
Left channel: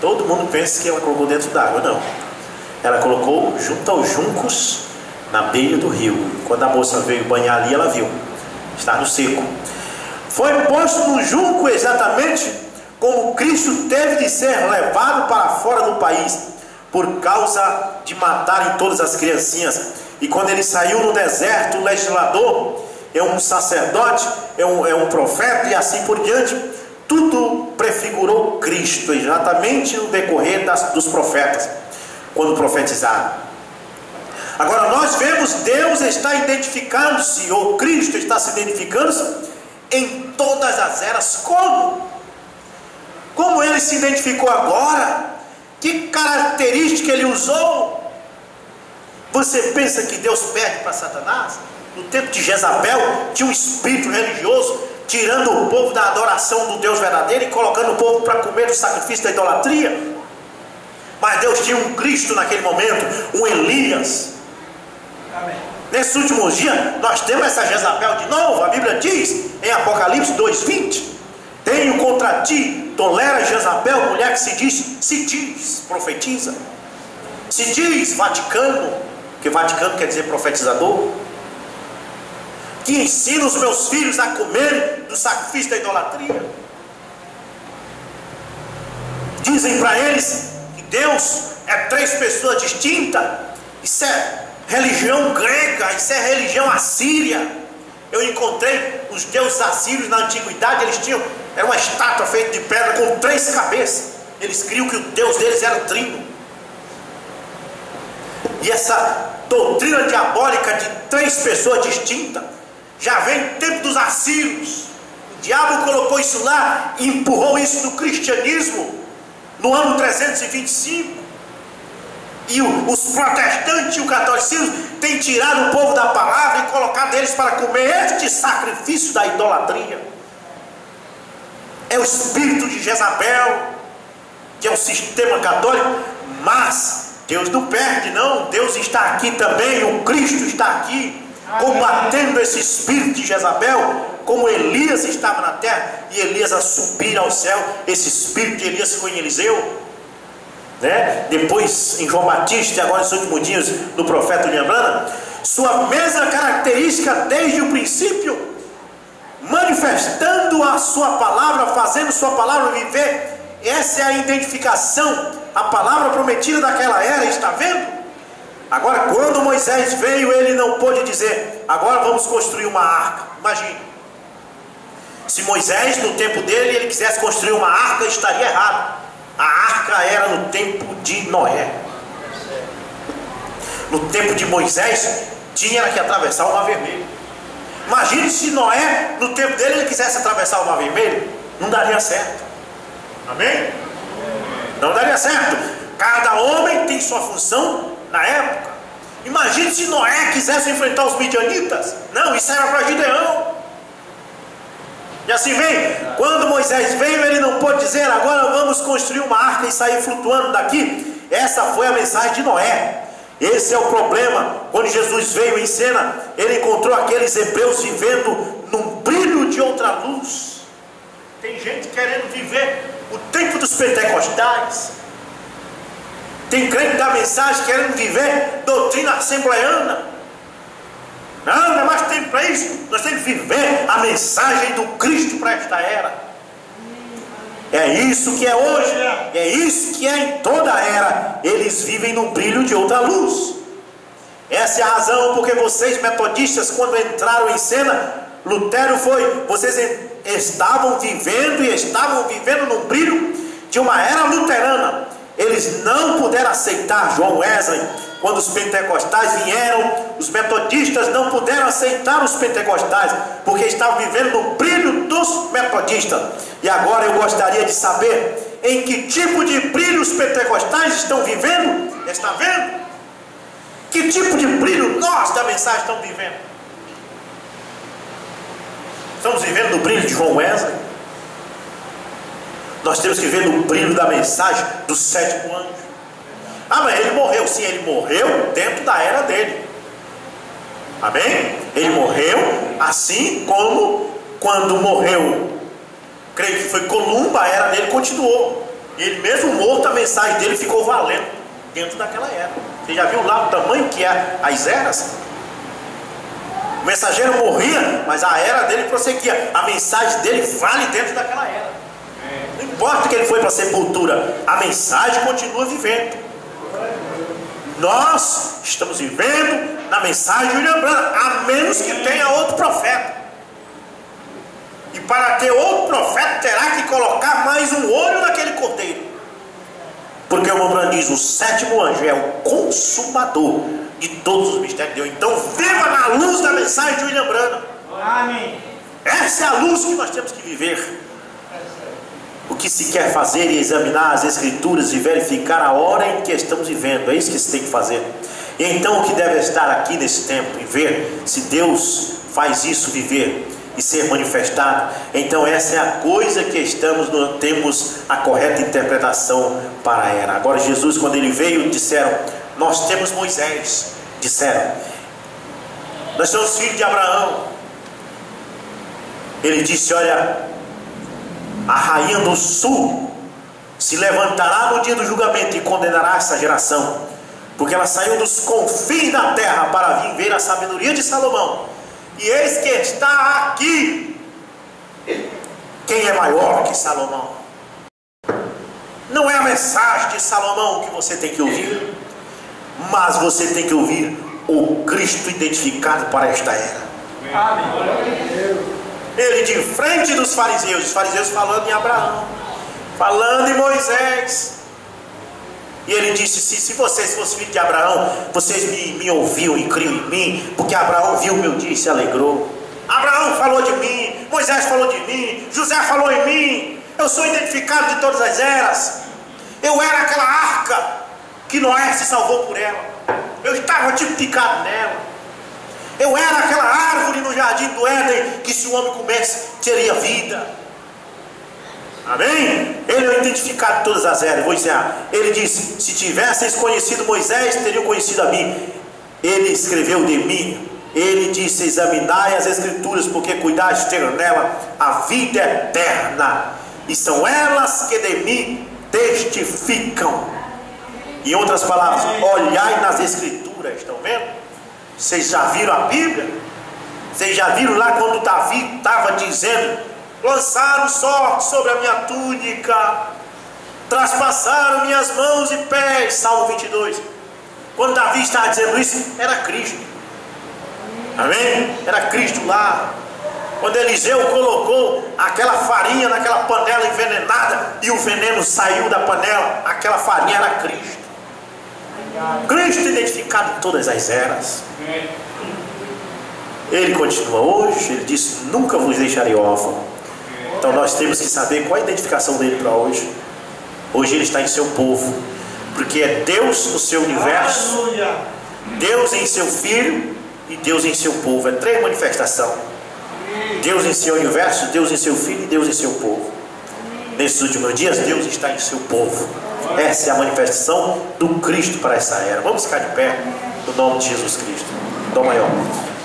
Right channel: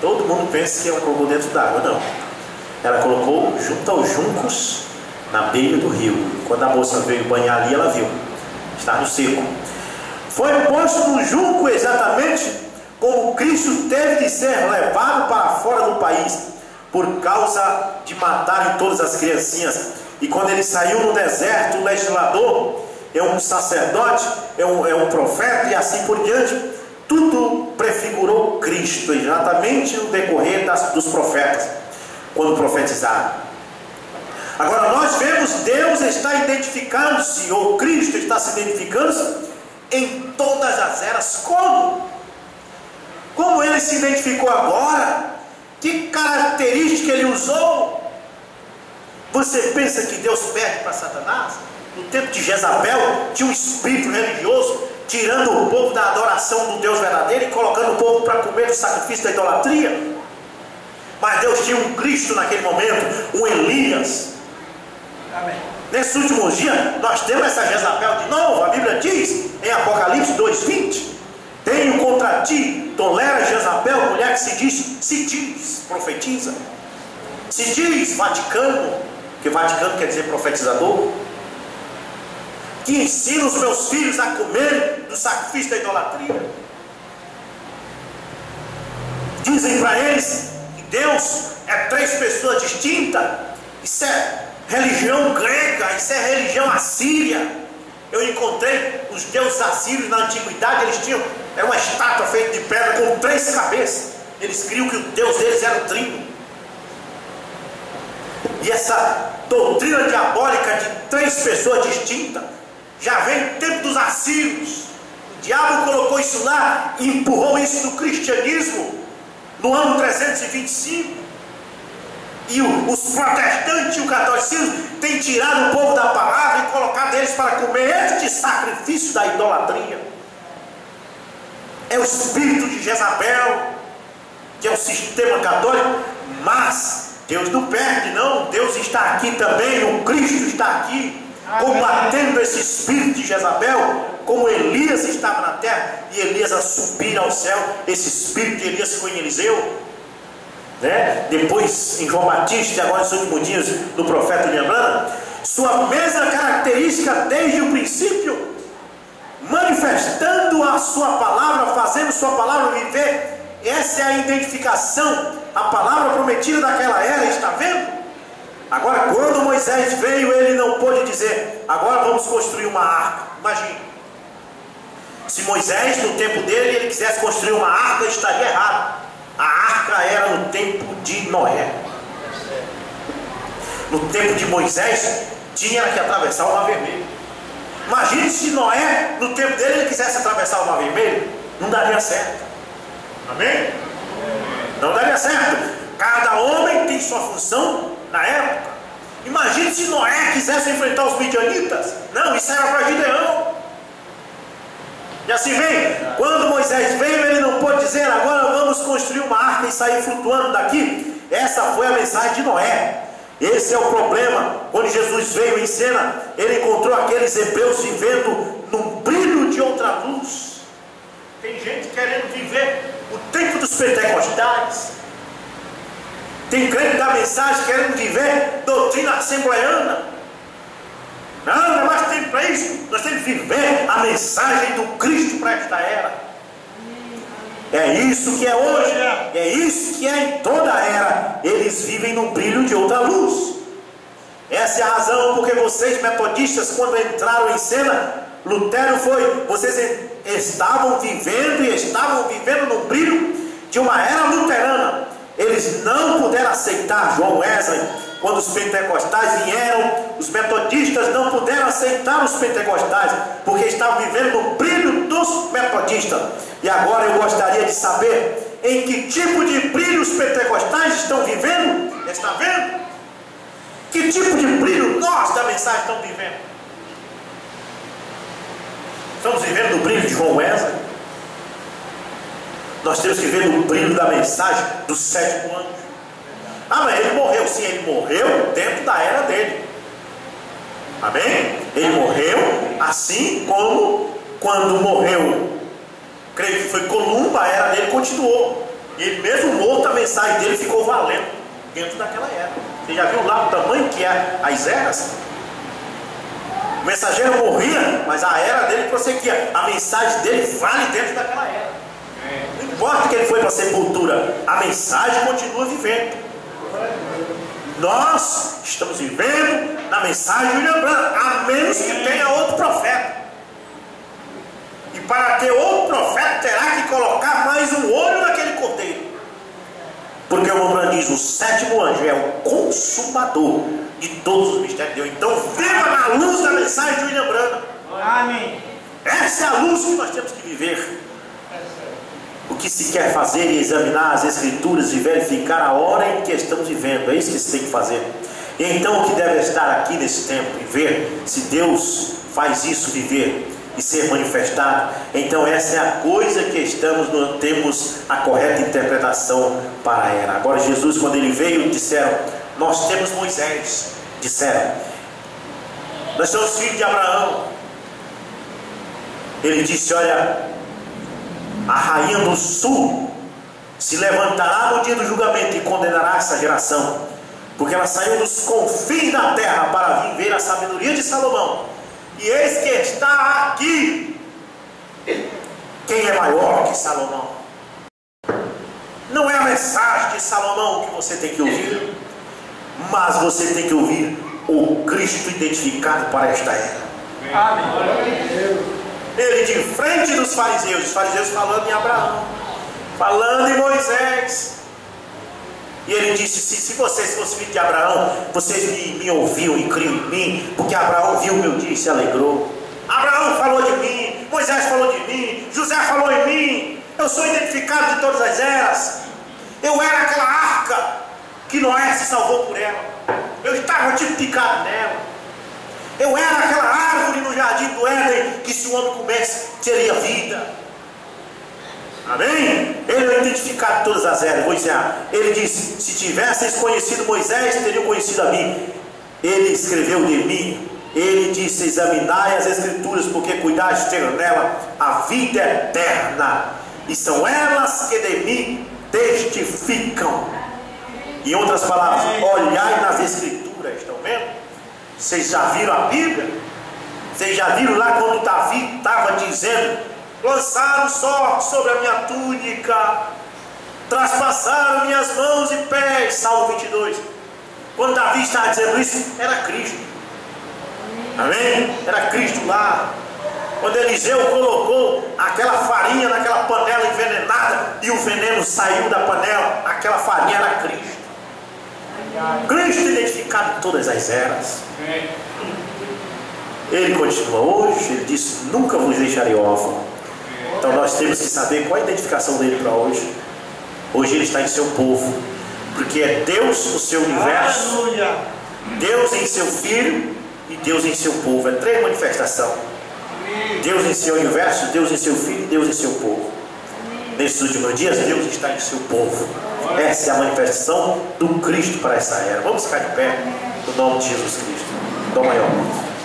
Todo mundo pensa que ela colocou dentro d'água. Não. Ela colocou junto aos juncos, na beira do rio. Quando a moça veio banhar ali, ela viu. Está no seco. Foi posto no junco exatamente como Cristo teve de ser levado para fora do país, por causa de matarem todas as criancinhas. E quando ele saiu no deserto, o legislador, é um sacerdote, é um profeta e assim por diante, tudo prefigurou Cristo, exatamente no decorrer dos profetas, quando profetizaram. Agora nós vemos Deus está identificando-se, ou Cristo está se identificando-se em todas as eras. Como ele se identificou agora? Que característica ele usou? Você pensa que Deus perde para Satanás? No tempo de Jezabel tinha um espírito religioso tirando o povo da adoração do Deus verdadeiro e colocando o povo para comer do sacrifício da idolatria. Mas Deus tinha um Cristo naquele momento, um Elias. Amém. Nesses últimos dias nós temos essa Jezabel de novo. A Bíblia diz em Apocalipse 2:20: tenho contra ti, tolera Jezabel, mulher que se diz, profetiza, se diz Vaticano, que Vaticano quer dizer profetizador, que ensina os meus filhos a comerem do sacrifício da idolatria. Dizem para eles que Deus é 3 pessoas distintas. Isso é religião grega, isso é religião assíria. Eu encontrei os deuses assírios na antiguidade. Eles tinham, era uma estátua feita de pedra com 3 cabeças. Eles criam que o Deus deles era o trino. E essa doutrina diabólica de 3 pessoas distintas já vem do tempo dos assírios. O diabo colocou isso lá e empurrou isso no cristianismo no ano 325. E os protestantes e o catolicismo têm tirado o povo da palavra e colocado eles para comer este sacrifício da idolatria. É o espírito de Jezabel, que é o sistema católico. Mas Deus não perde, não. Deus está aqui também, o Cristo está aqui, combatendo esse espírito de Jezabel, como Elias estava na terra, e Elias a subir ao céu. Esse espírito de Elias foi em Eliseu, né? Depois em João Batista, e agora nos últimos dias do profeta William Branham. Sua mesma característica desde o princípio, manifestando a sua palavra, fazendo sua palavra viver. Essa é a identificação, a palavra prometida daquela era, está vendo? Agora, quando Moisés veio, ele não pôde dizer: agora vamos construir uma arca. Imagine, se Moisés, no tempo dele, ele quisesse construir uma arca, estaria errado. A arca era no tempo de Noé. No tempo de Moisés, tinha que atravessar o Mar Vermelho. Imagine se Noé, no tempo dele, ele quisesse atravessar o Mar Vermelho. Não daria certo. Amém? Não daria certo. Cada homem tem sua função na época. Imagine se Noé quisesse enfrentar os midianitas. Não, isso era para Gideão. E assim vem, quando Moisés veio, ele não pôde dizer: agora vamos construir uma arca e sair flutuando daqui. Essa foi a mensagem de Noé. Esse é o problema. Quando Jesus veio em cena, ele encontrou aqueles hebreus vivendo num brilho de outra luz. Tem gente querendo viver o tempo dos pentecostais. Tem crente da mensagem querendo viver doutrina assembleiana. Não é mais tempo para isso. Nós temos que viver a mensagem do Cristo para esta era. É isso que é hoje, é isso que é em toda a era. Eles vivem no brilho de outra luz. Essa é a razão porque vocês metodistas, quando entraram em cena, Lutero foi, vocês estavam vivendo no brilho de uma era luterana. Eles não puderam aceitar João Wesley. Quando os pentecostais vieram, os metodistas não puderam aceitar os pentecostais, porque estavam vivendo no brilho dos metodistas. E agora eu gostaria de saber em que tipo de brilho os pentecostais estão vivendo. Está vendo? Que tipo de brilho nós da mensagem estamos vivendo? Estamos vivendo no brilho de João Wesley? Nós temos que viver no brilho da mensagem do sétimo anjo. Ah, mas ele morreu. Sim, ele morreu dentro da era dele. Amém? Ele morreu assim como quando morreu, creio que foi Columba, a era dele continuou. Ele mesmo morto, a mensagem dele ficou valendo dentro daquela era. Você já viu lá o tamanho que é as eras? O mensageiro morria, mas a era dele prosseguia. A mensagem dele vale dentro daquela era. Não importa que ele foi para a sepultura, a mensagem continua vivendo. Nós estamos vivendo na mensagem de William Branham, a menos que tenha outro profeta. E para ter outro profeta, terá que colocar mais um olho naquele cordeiro. Porque o William Branham diz: o sétimo anjo é o consumador de todos os mistérios de Deus. Então viva na luz da mensagem de William Branham. Amém. Essa é a luz que nós temos que viver. O que se quer fazer é examinar as escrituras e verificar a hora em que estamos vivendo. É isso que se tem que fazer. E então o que deve estar aqui nesse tempo e ver se Deus faz isso viver e ser manifestado. Então essa é a coisa que temos a correta interpretação para a era. Agora Jesus, quando ele veio, disseram: nós temos Moisés. Disseram: nós somos filhos de Abraão. Ele disse: olha, a rainha do sul se levantará no dia do julgamento e condenará essa geração, porque ela saiu dos confins da terra para vir ver a sabedoria de Salomão. E eis que está aqui. Quem é maior que Salomão? Não é a mensagem de Salomão que você tem que ouvir, mas você tem que ouvir o Cristo identificado para esta era. Amém. Ele de frente dos fariseus, os fariseus falando em Abraão, falando em Moisés. E ele disse: se vocês fossem filhos de Abraão, vocês me ouviam e criam em mim, porque Abraão viu o meu dia e se alegrou. Abraão falou de mim, Moisés falou de mim, José falou em mim. Eu sou identificado de todas as eras. Eu era aquela arca que Noé se salvou por ela. Eu estava tipificado nela. Eu era aquela árvore no jardim do Éden que, se o homem comesse, teria vida. Amém? Ele é identificado em todas as eras. Vou ensinar. Ele disse: se tivesseis conhecido Moisés, teriam conhecido a mim. Ele escreveu de mim. Ele disse: examinai as escrituras, porque cuidais de ter nela a vida eterna, e são elas que de mim testificam. Em outras palavras, olhai nas escrituras. Estão vendo? Vocês já viram a Bíblia? Vocês já viram lá quando Davi estava dizendo: lançaram sorte sobre a minha túnica, traspassaram minhas mãos e pés. Salmo 22. Quando Davi estava dizendo isso, era Cristo. Amém? Era Cristo lá. Quando Eliseu colocou aquela farinha naquela panela envenenada e o veneno saiu da panela, aquela farinha era Cristo. Cristo identificado em todas as eras. Ele continua hoje. Ele disse: nunca vos deixarei órfão. Então nós temos que saber qual é a identificação dele para hoje. Hoje ele está em seu povo, porque é Deus o seu universo, Deus em seu Filho e Deus em seu povo. É 3 manifestações: Deus em seu universo, Deus em seu Filho e Deus em seu povo. Nesses últimos dias, Deus está em seu povo. Essa é a manifestação do Cristo para essa era. Vamos ficar de pé no nome de Jesus Cristo, Dó maior.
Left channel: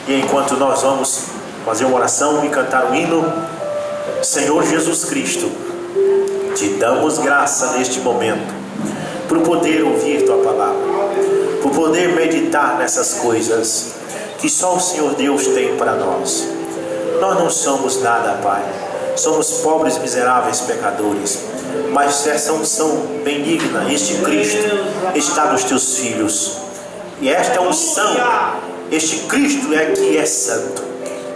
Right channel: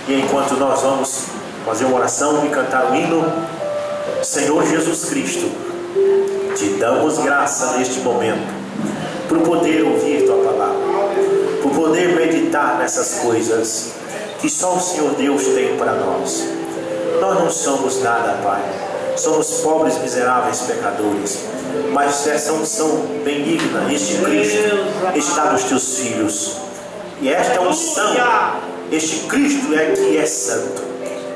E enquanto nós vamos fazer uma oração e cantar o hino: Senhor Jesus Cristo, te damos graça neste momento, por poder ouvir tua palavra, por poder meditar nessas coisas que só o Senhor Deus tem para nós. Nós não somos nada, Pai. Somos pobres, miseráveis, pecadores. Mas essa unção benigna, este Cristo, está nos teus filhos. E esta unção, este Cristo é que é santo.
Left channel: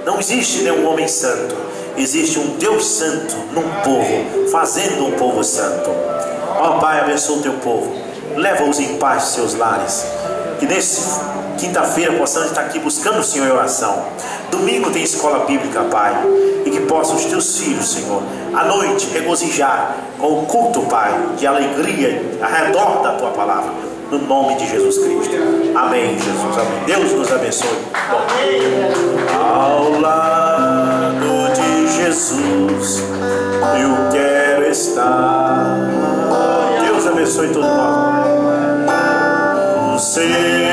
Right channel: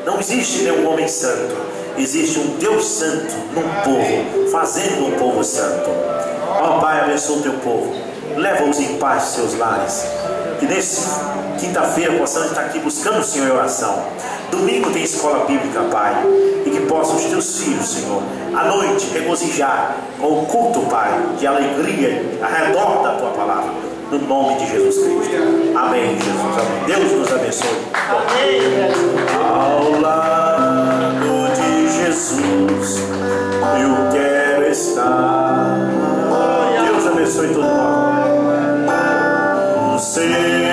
Não existe nenhum homem santo. Existe um Deus santo num povo, fazendo um povo santo. Ó Pai, abençoa o teu povo. Leva-os em paz aos seus lares. Que nesse quinta-feira possamos estar aqui buscando o Senhor em oração. Domingo tem escola bíblica, Pai. E que possam os teus filhos, Senhor, à noite regozijar com o culto, Pai, de alegria ao redor da tua palavra. No nome de Jesus Cristo. Amém, Jesus. Amém. Deus nos abençoe. Ao lado de Jesus eu quero estar. Deus abençoe todo mundo. Senhor.